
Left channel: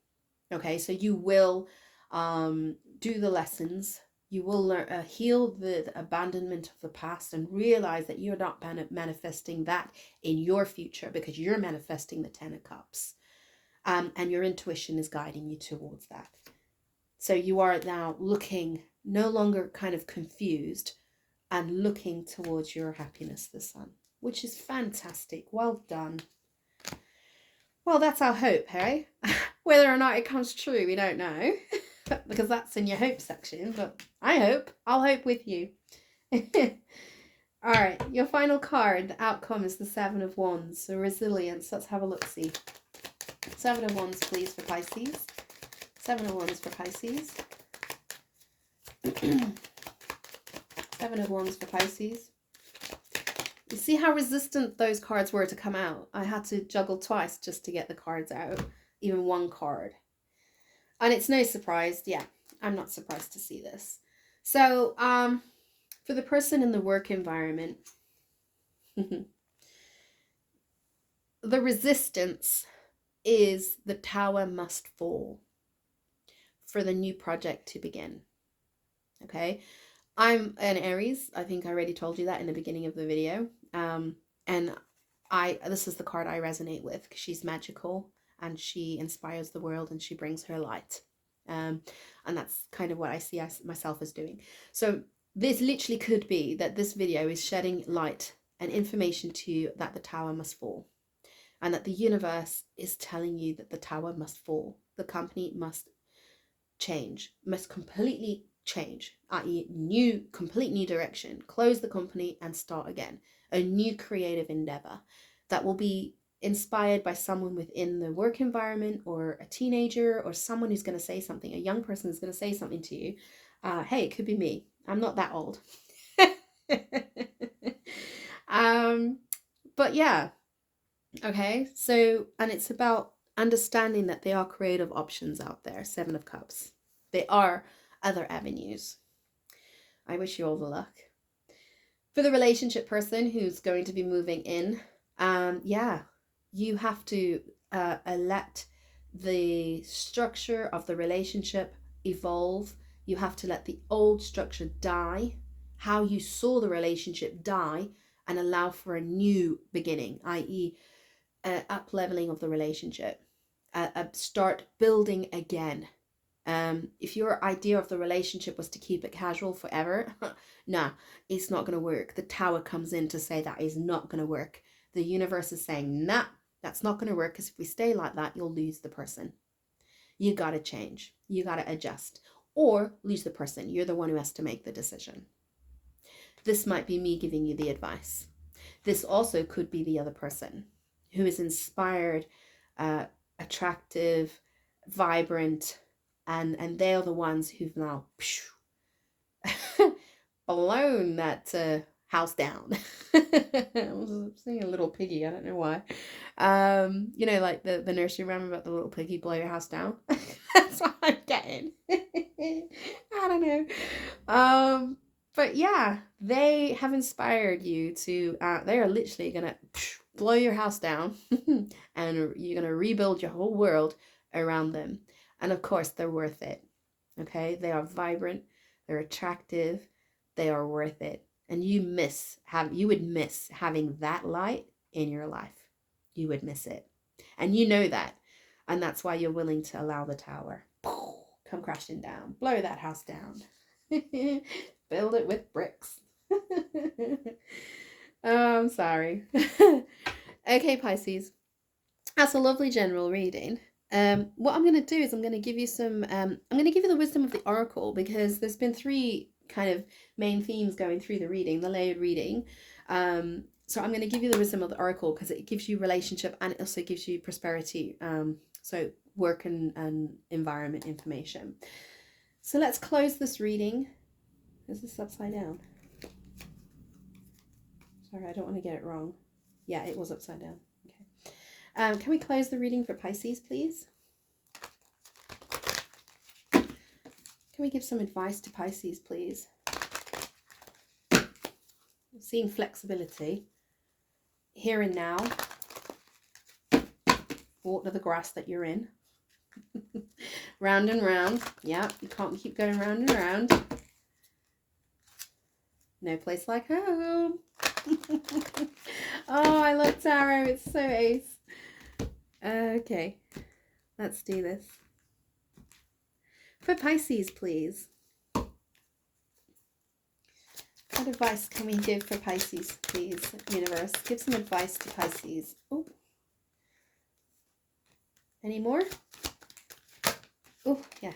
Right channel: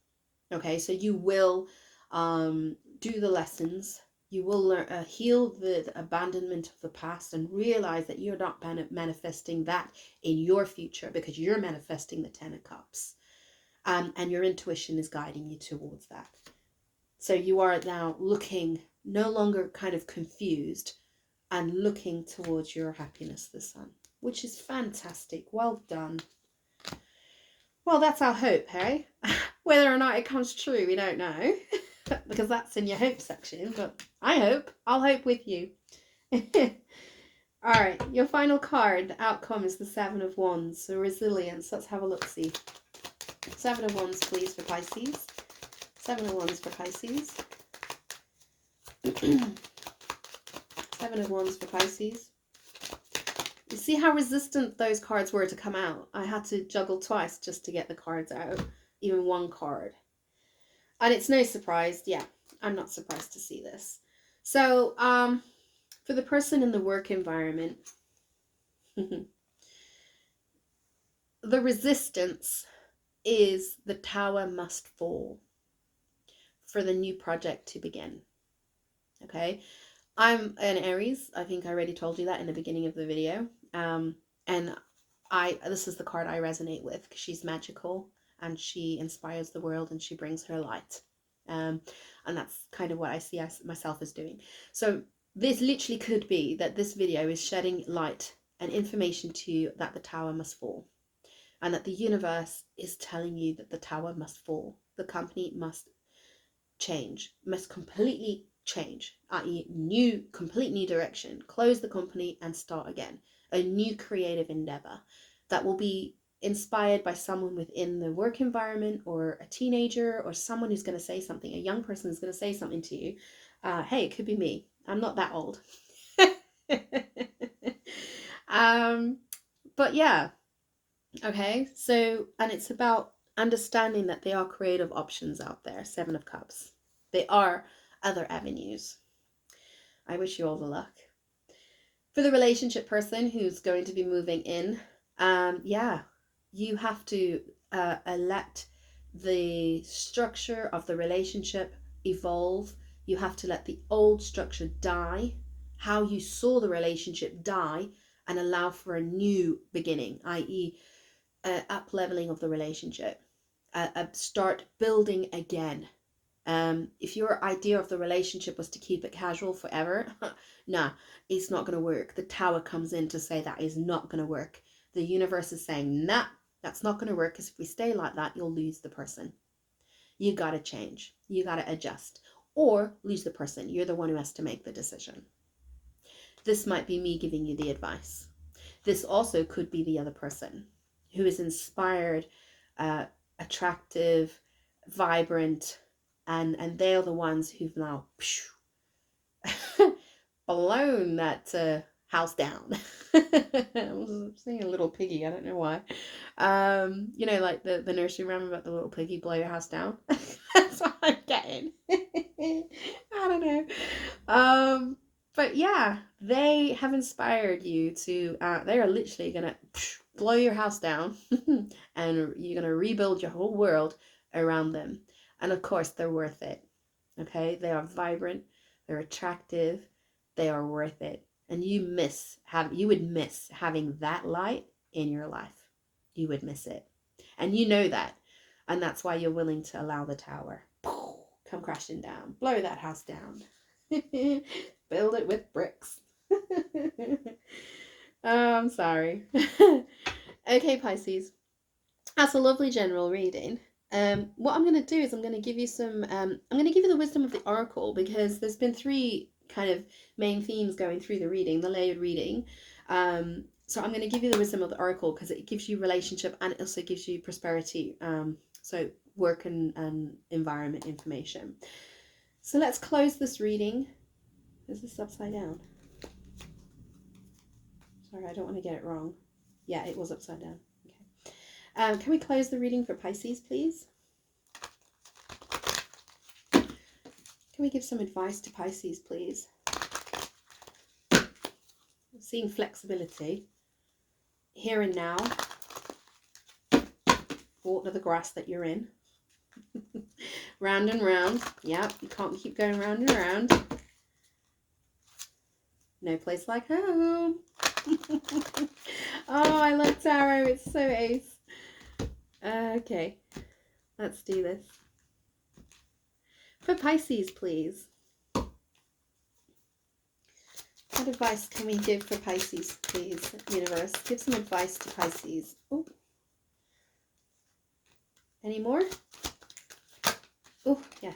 Okay, so you will do the lessons. You will learn, heal the abandonment of the past and realize that you're not manifesting that in your future, because you're manifesting the Ten of Cups. And your intuition is guiding you towards that. So you are now looking, no longer kind of confused, and looking towards your happiness, the sun, which is fantastic. Well done. Well, that's our hope, hey? Whether or not it comes true, we don't know, because that's in your hope section, but I hope. I'll hope with you. All right, your final card, the outcome is the Seven of Wands, so resilience. Let's have a look-see. Seven of Wands, please, for Pisces. Seven of Wands for Pisces. Seven of Wands for Pisces. You see how resistant those cards were to come out? I had to juggle twice just to get the cards out, even one card. And it's no surprise, yeah, I'm not surprised to see this. So, for the person in the work environment, the resistance is the tower must fall for the new project to begin. Okay, I'm an Aries. I think I already told you that in the beginning of the video. And this is the card I resonate with, because she's magical and she inspires the world and she brings her light. And that's kind of what I see myself as doing. So this literally could be that this video is shedding light and information to you that the tower must fall, and that the universe is telling you that the tower must fall. The company must change, must completely change, i.e. complete new direction, close the company and start again, a new creative endeavor that will be inspired by someone within the work environment, or a teenager, or someone who's going to say something, a young person is going to say something to you. Hey, it could be me. I'm not that old. But yeah, okay, so, and it's about understanding that there are creative options out there. Seven of Cups. There are other avenues. I wish you all the luck. For the relationship person who's going to be moving in, yeah, you have to let the structure of the relationship evolve. You have to let the old structure die, how you saw the relationship die, and allow for a new beginning, i.e. Up-leveling of the relationship. Start building again. If your idea of the relationship was to keep it casual forever, nah, it's not going to work. The tower comes in to say that is not going to work. The universe is saying, nah, that's not going to work, because if we stay like that, you'll lose the person. You got to change. You got to adjust. Or lose the person. You're the one who has to make the decision. This might be me giving you the advice. This also could be the other person who is inspired, attractive, vibrant, and they're the ones who've now blown that house down. I was saying a little piggy, I don't know why. You know, like the nursery rhyme about the little piggy blow your house down. That's what I'm getting. I don't know. But yeah, they have inspired you to, they are literally gonna blow your house down and you're gonna rebuild your whole world around them. And of course, they're worth it. Okay, they are vibrant, they're attractive, they are worth it. And you would miss having that light in your life. You would miss it. And you know that. And that's why you're willing to allow the tower come crashing down. Blow that house down. Build it with bricks. Oh, I'm sorry. Okay, Pisces. That's a lovely general reading. What I'm going to do is I'm going to give you the wisdom of the oracle, because there's been three kind of main themes going through the reading, the layered reading. So I'm going to give you the wisdom of the oracle because it gives you relationship and it also gives you prosperity. So work and environment information. So let's close this reading. Is this upside down? Sorry, I don't want to get it wrong. Yeah, it was upside down. Okay. Can we close the reading for Pisces, please? Can we give some advice to Pisces, please? Seeing flexibility. Here and now. Water the grass that you're in. Round and round. Yeah, you can't keep going round and round. No place like home. Oh, I love tarot. It's so ace. Okay, let's do this. For Pisces, please. What advice can we give for Pisces, please, universe? Give some advice to Pisces. Oh. Any more? Oh, yeah.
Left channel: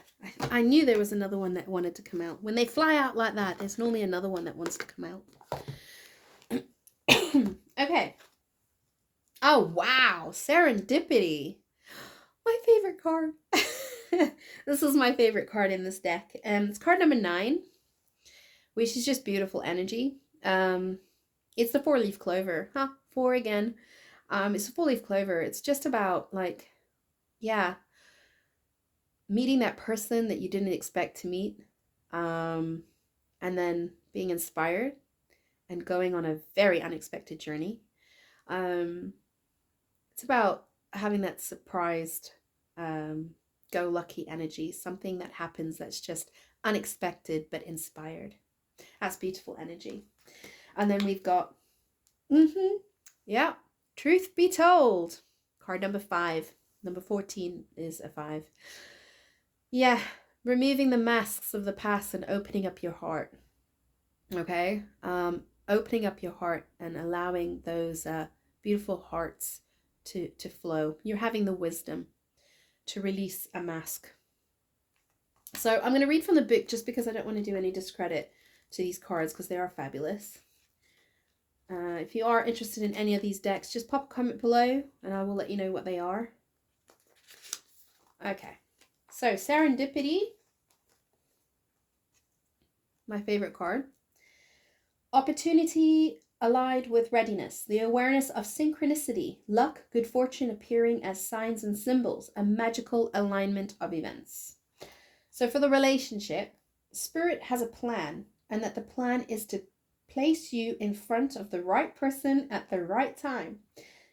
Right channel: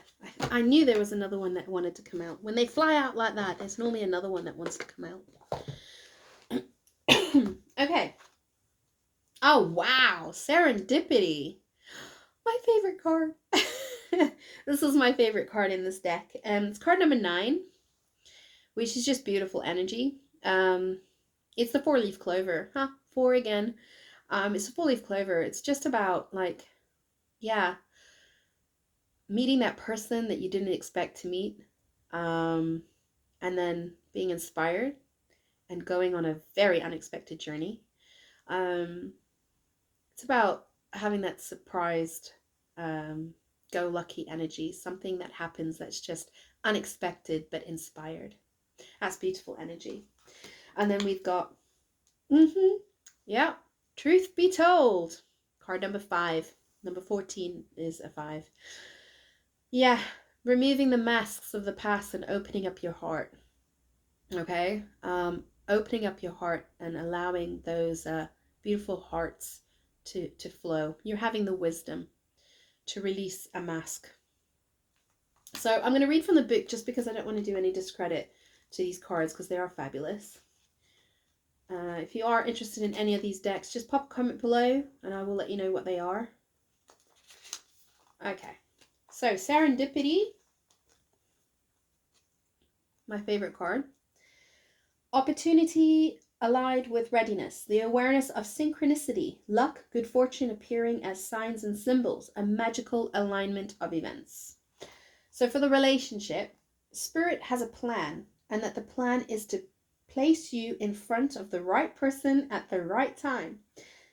I knew there was another one that wanted to come out. When they fly out like that, there's normally another one that wants to come out. Okay. Oh, wow. Serendipity. My favorite card. This is my favorite card in this deck. It's card number 9, which is just beautiful energy. It's the 4-leaf clover. 4 again. It's a 4-leaf clover. It's just about, like, yeah, meeting that person that you didn't expect to meet, and then being inspired and going on a very unexpected journey. It's about having that surprised, go lucky energy, something that happens that's just unexpected but inspired. That's beautiful energy. And then we've got, yeah, truth be told, card number 5. Number 14 is a 5. Yeah, removing the masks of the past and opening up your heart. Okay, opening up your heart and allowing those beautiful hearts to flow. You're having the wisdom to release a mask. So I'm going to read from the book just because I don't want to do any discredit to these cards because they are fabulous. If you are interested in any of these decks, just pop a comment below and I will let you know what they are. Okay, so Serendipity, my favorite card. Opportunity allied with readiness, the awareness of synchronicity, luck, good fortune appearing as signs and symbols, a magical alignment of events. So for the relationship, Spirit has a plan, and that the plan is to place you in front of the right person at the right time.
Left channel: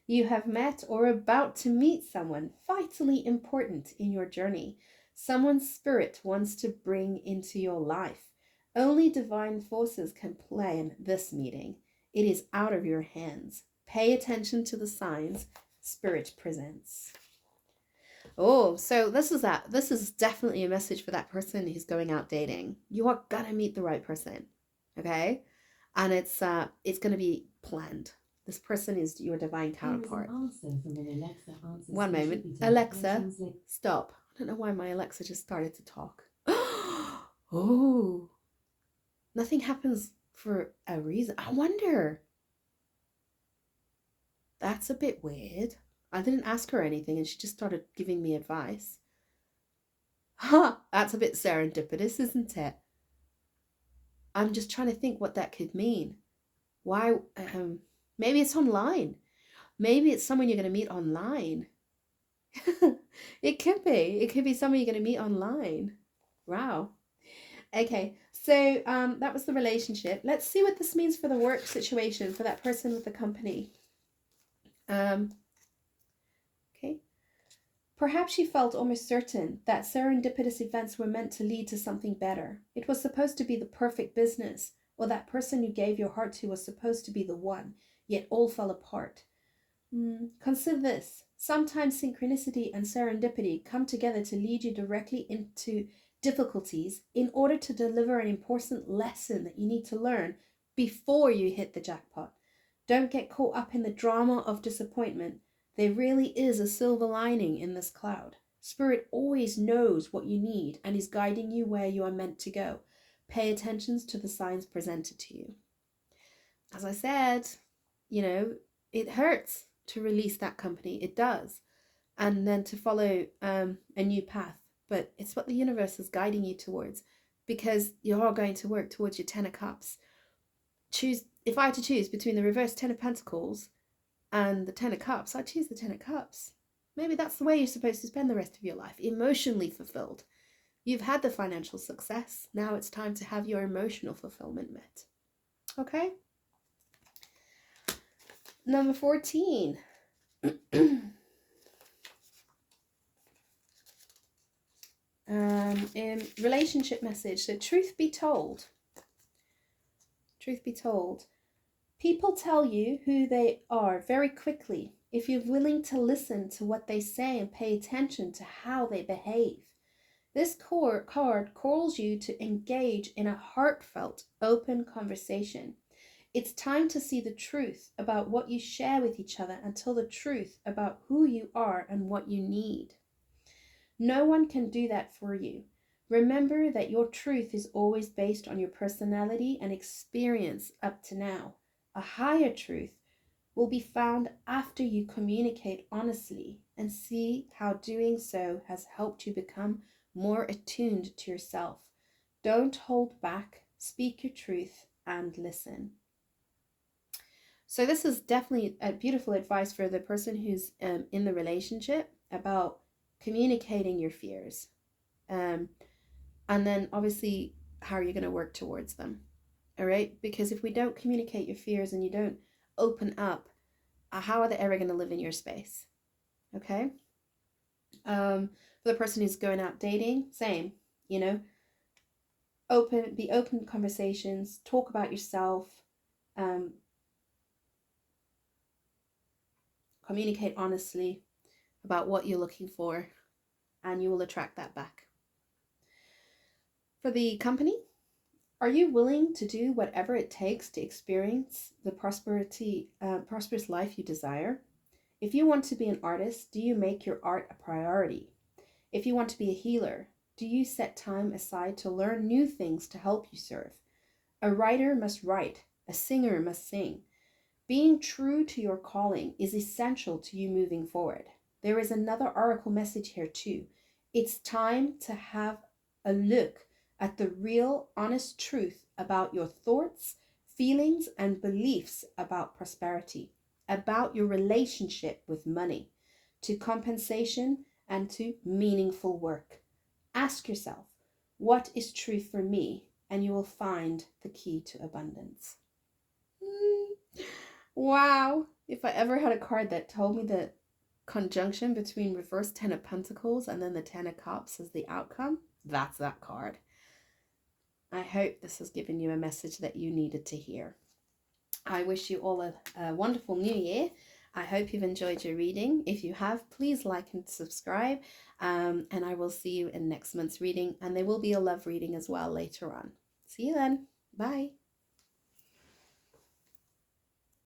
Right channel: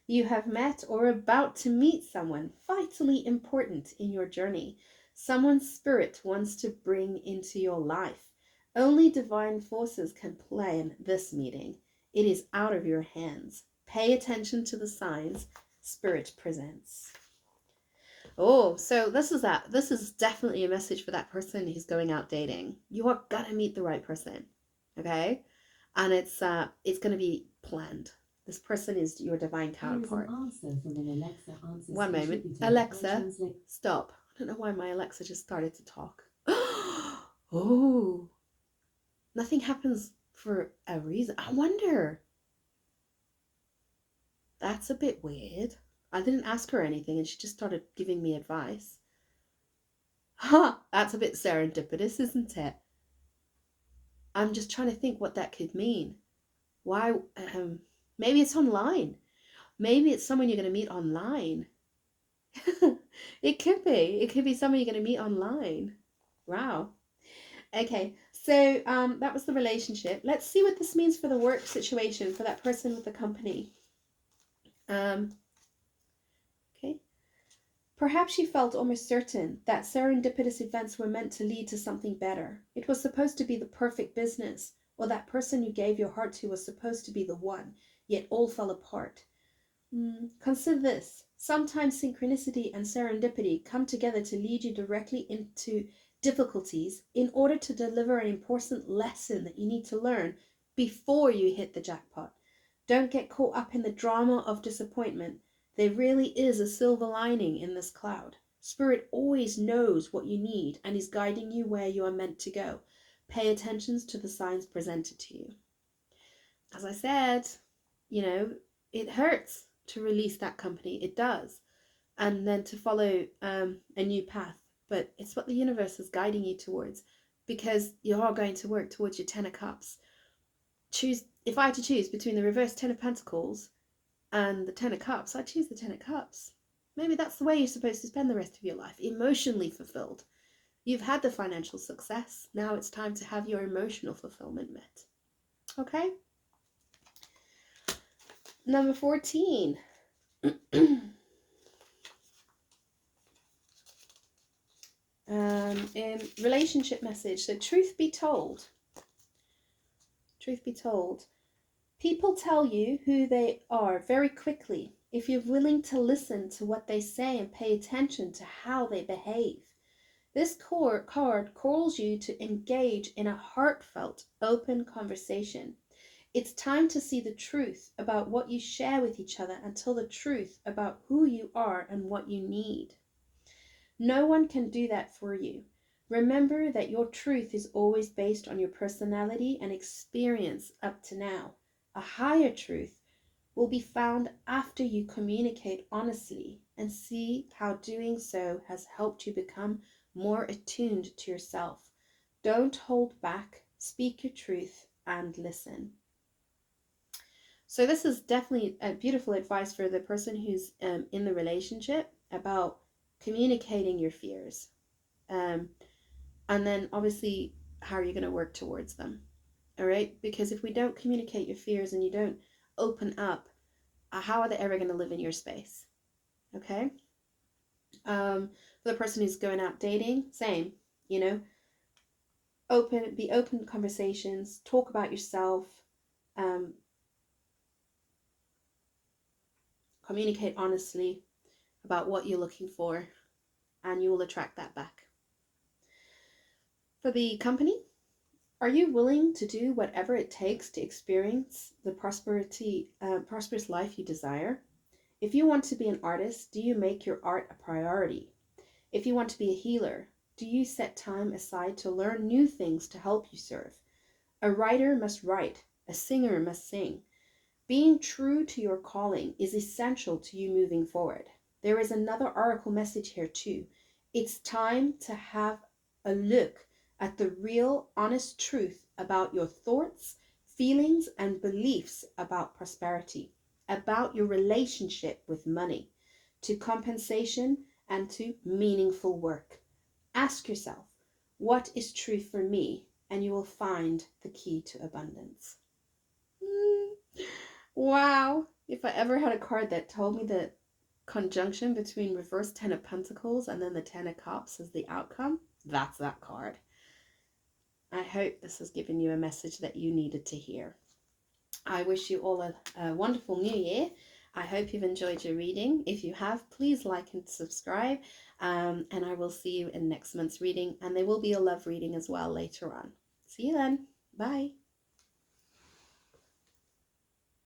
You have met or are about to meet someone vitally important in your journey, someone Spirit wants to bring into your life. Only divine forces can plan this meeting. It is out of your hands. Pay attention to the signs Spirit presents. Oh, so this is that. This is definitely a message for that person who's going out dating. You are gonna meet the right person, okay? And it's going to be planned. This person is your divine counterpart. One moment, Alexa, stop. I don't know why my Alexa just started to talk. Oh. Nothing happens for a reason. I wonder. That's a bit weird. I didn't ask her anything and she just started giving me advice. That's a bit serendipitous, isn't it? I'm just trying to think what that could mean. Why? Maybe it's online. Maybe it's someone you're going to meet online. It could be. It could be someone you're going to meet online. Wow. Okay, so that was the relationship. Let's see what this means for the work situation for that person with the company. Okay. Perhaps she felt almost certain that serendipitous events were meant to lead to something better. It was supposed to be the perfect business, or that person you gave your heart to was supposed to be the one, yet all fell apart. Consider this. Sometimes synchronicity and serendipity come together to lead you directly into difficulties in order to deliver an important lesson that you need to learn before you hit the jackpot. Don't get caught up in the drama of disappointment. There really is a silver lining in this cloud. Spirit always knows what you need and is guiding you where you are meant to go. Pay attention to the signs presented to you. As I said, it hurts to release that company. It does. And then to follow a new path. But it's what the universe is guiding you towards, because you are going to work towards your 10 of Cups. If I had to choose between the reverse 10 of Pentacles and the 10 of Cups, I'd choose the 10 of Cups. Maybe that's the way you're supposed to spend the rest of your life, emotionally fulfilled. You've had the financial success. Now it's time to have your emotional fulfillment met. Okay? Number 14. In relationship message, so truth be told, truth be told. People tell you who they are very quickly if you're willing to listen to what they say and pay attention to how they behave. This card calls you to engage in a heartfelt, open conversation. It's time to see the truth about what you share with each other and tell the truth about who you are and what you need. No one can do that for you. Remember that your truth is always based on your personality and experience up to now. A higher truth will be found after you communicate honestly and see how doing so has helped you become more attuned to yourself. Don't hold back, speak your truth, and listen. So, this is definitely a beautiful advice for the person who's in the relationship about communicating your fears. Um, and then, obviously, how are you going to work towards them? All right? Because if we don't communicate your fears and you don't open up, how are they ever going to live in your space? Okay. For the person who's going out dating, same, you know, be open conversations, talk about yourself, um, communicate honestly about what you're looking for, and you will attract that back. For the company, are you willing to do whatever it takes to experience the prosperous life you desire? If you want to be an artist, do you make your art a priority? If you want to be a healer, do you set time aside to learn new things to help you serve? A writer must write, a singer must sing. Being true to your calling is essential to you moving forward. There is another oracle message here too. It's time to have a look at the real, honest truth about your thoughts, feelings, and beliefs about prosperity, about your relationship with money, to compensation, and to meaningful work. Ask yourself, what is true for me? And you will find the key to abundance. Wow. If I ever had a card that told me the conjunction between reverse 10 of Pentacles and then the 10 of Cups as the outcome, that's that card. I hope this has given you a message that you needed to hear. I wish you all a wonderful new year. I hope you've enjoyed your reading. If you have, please like and subscribe. And I will see you in next month's reading. And there will be a love reading as well later on. See you then. Bye.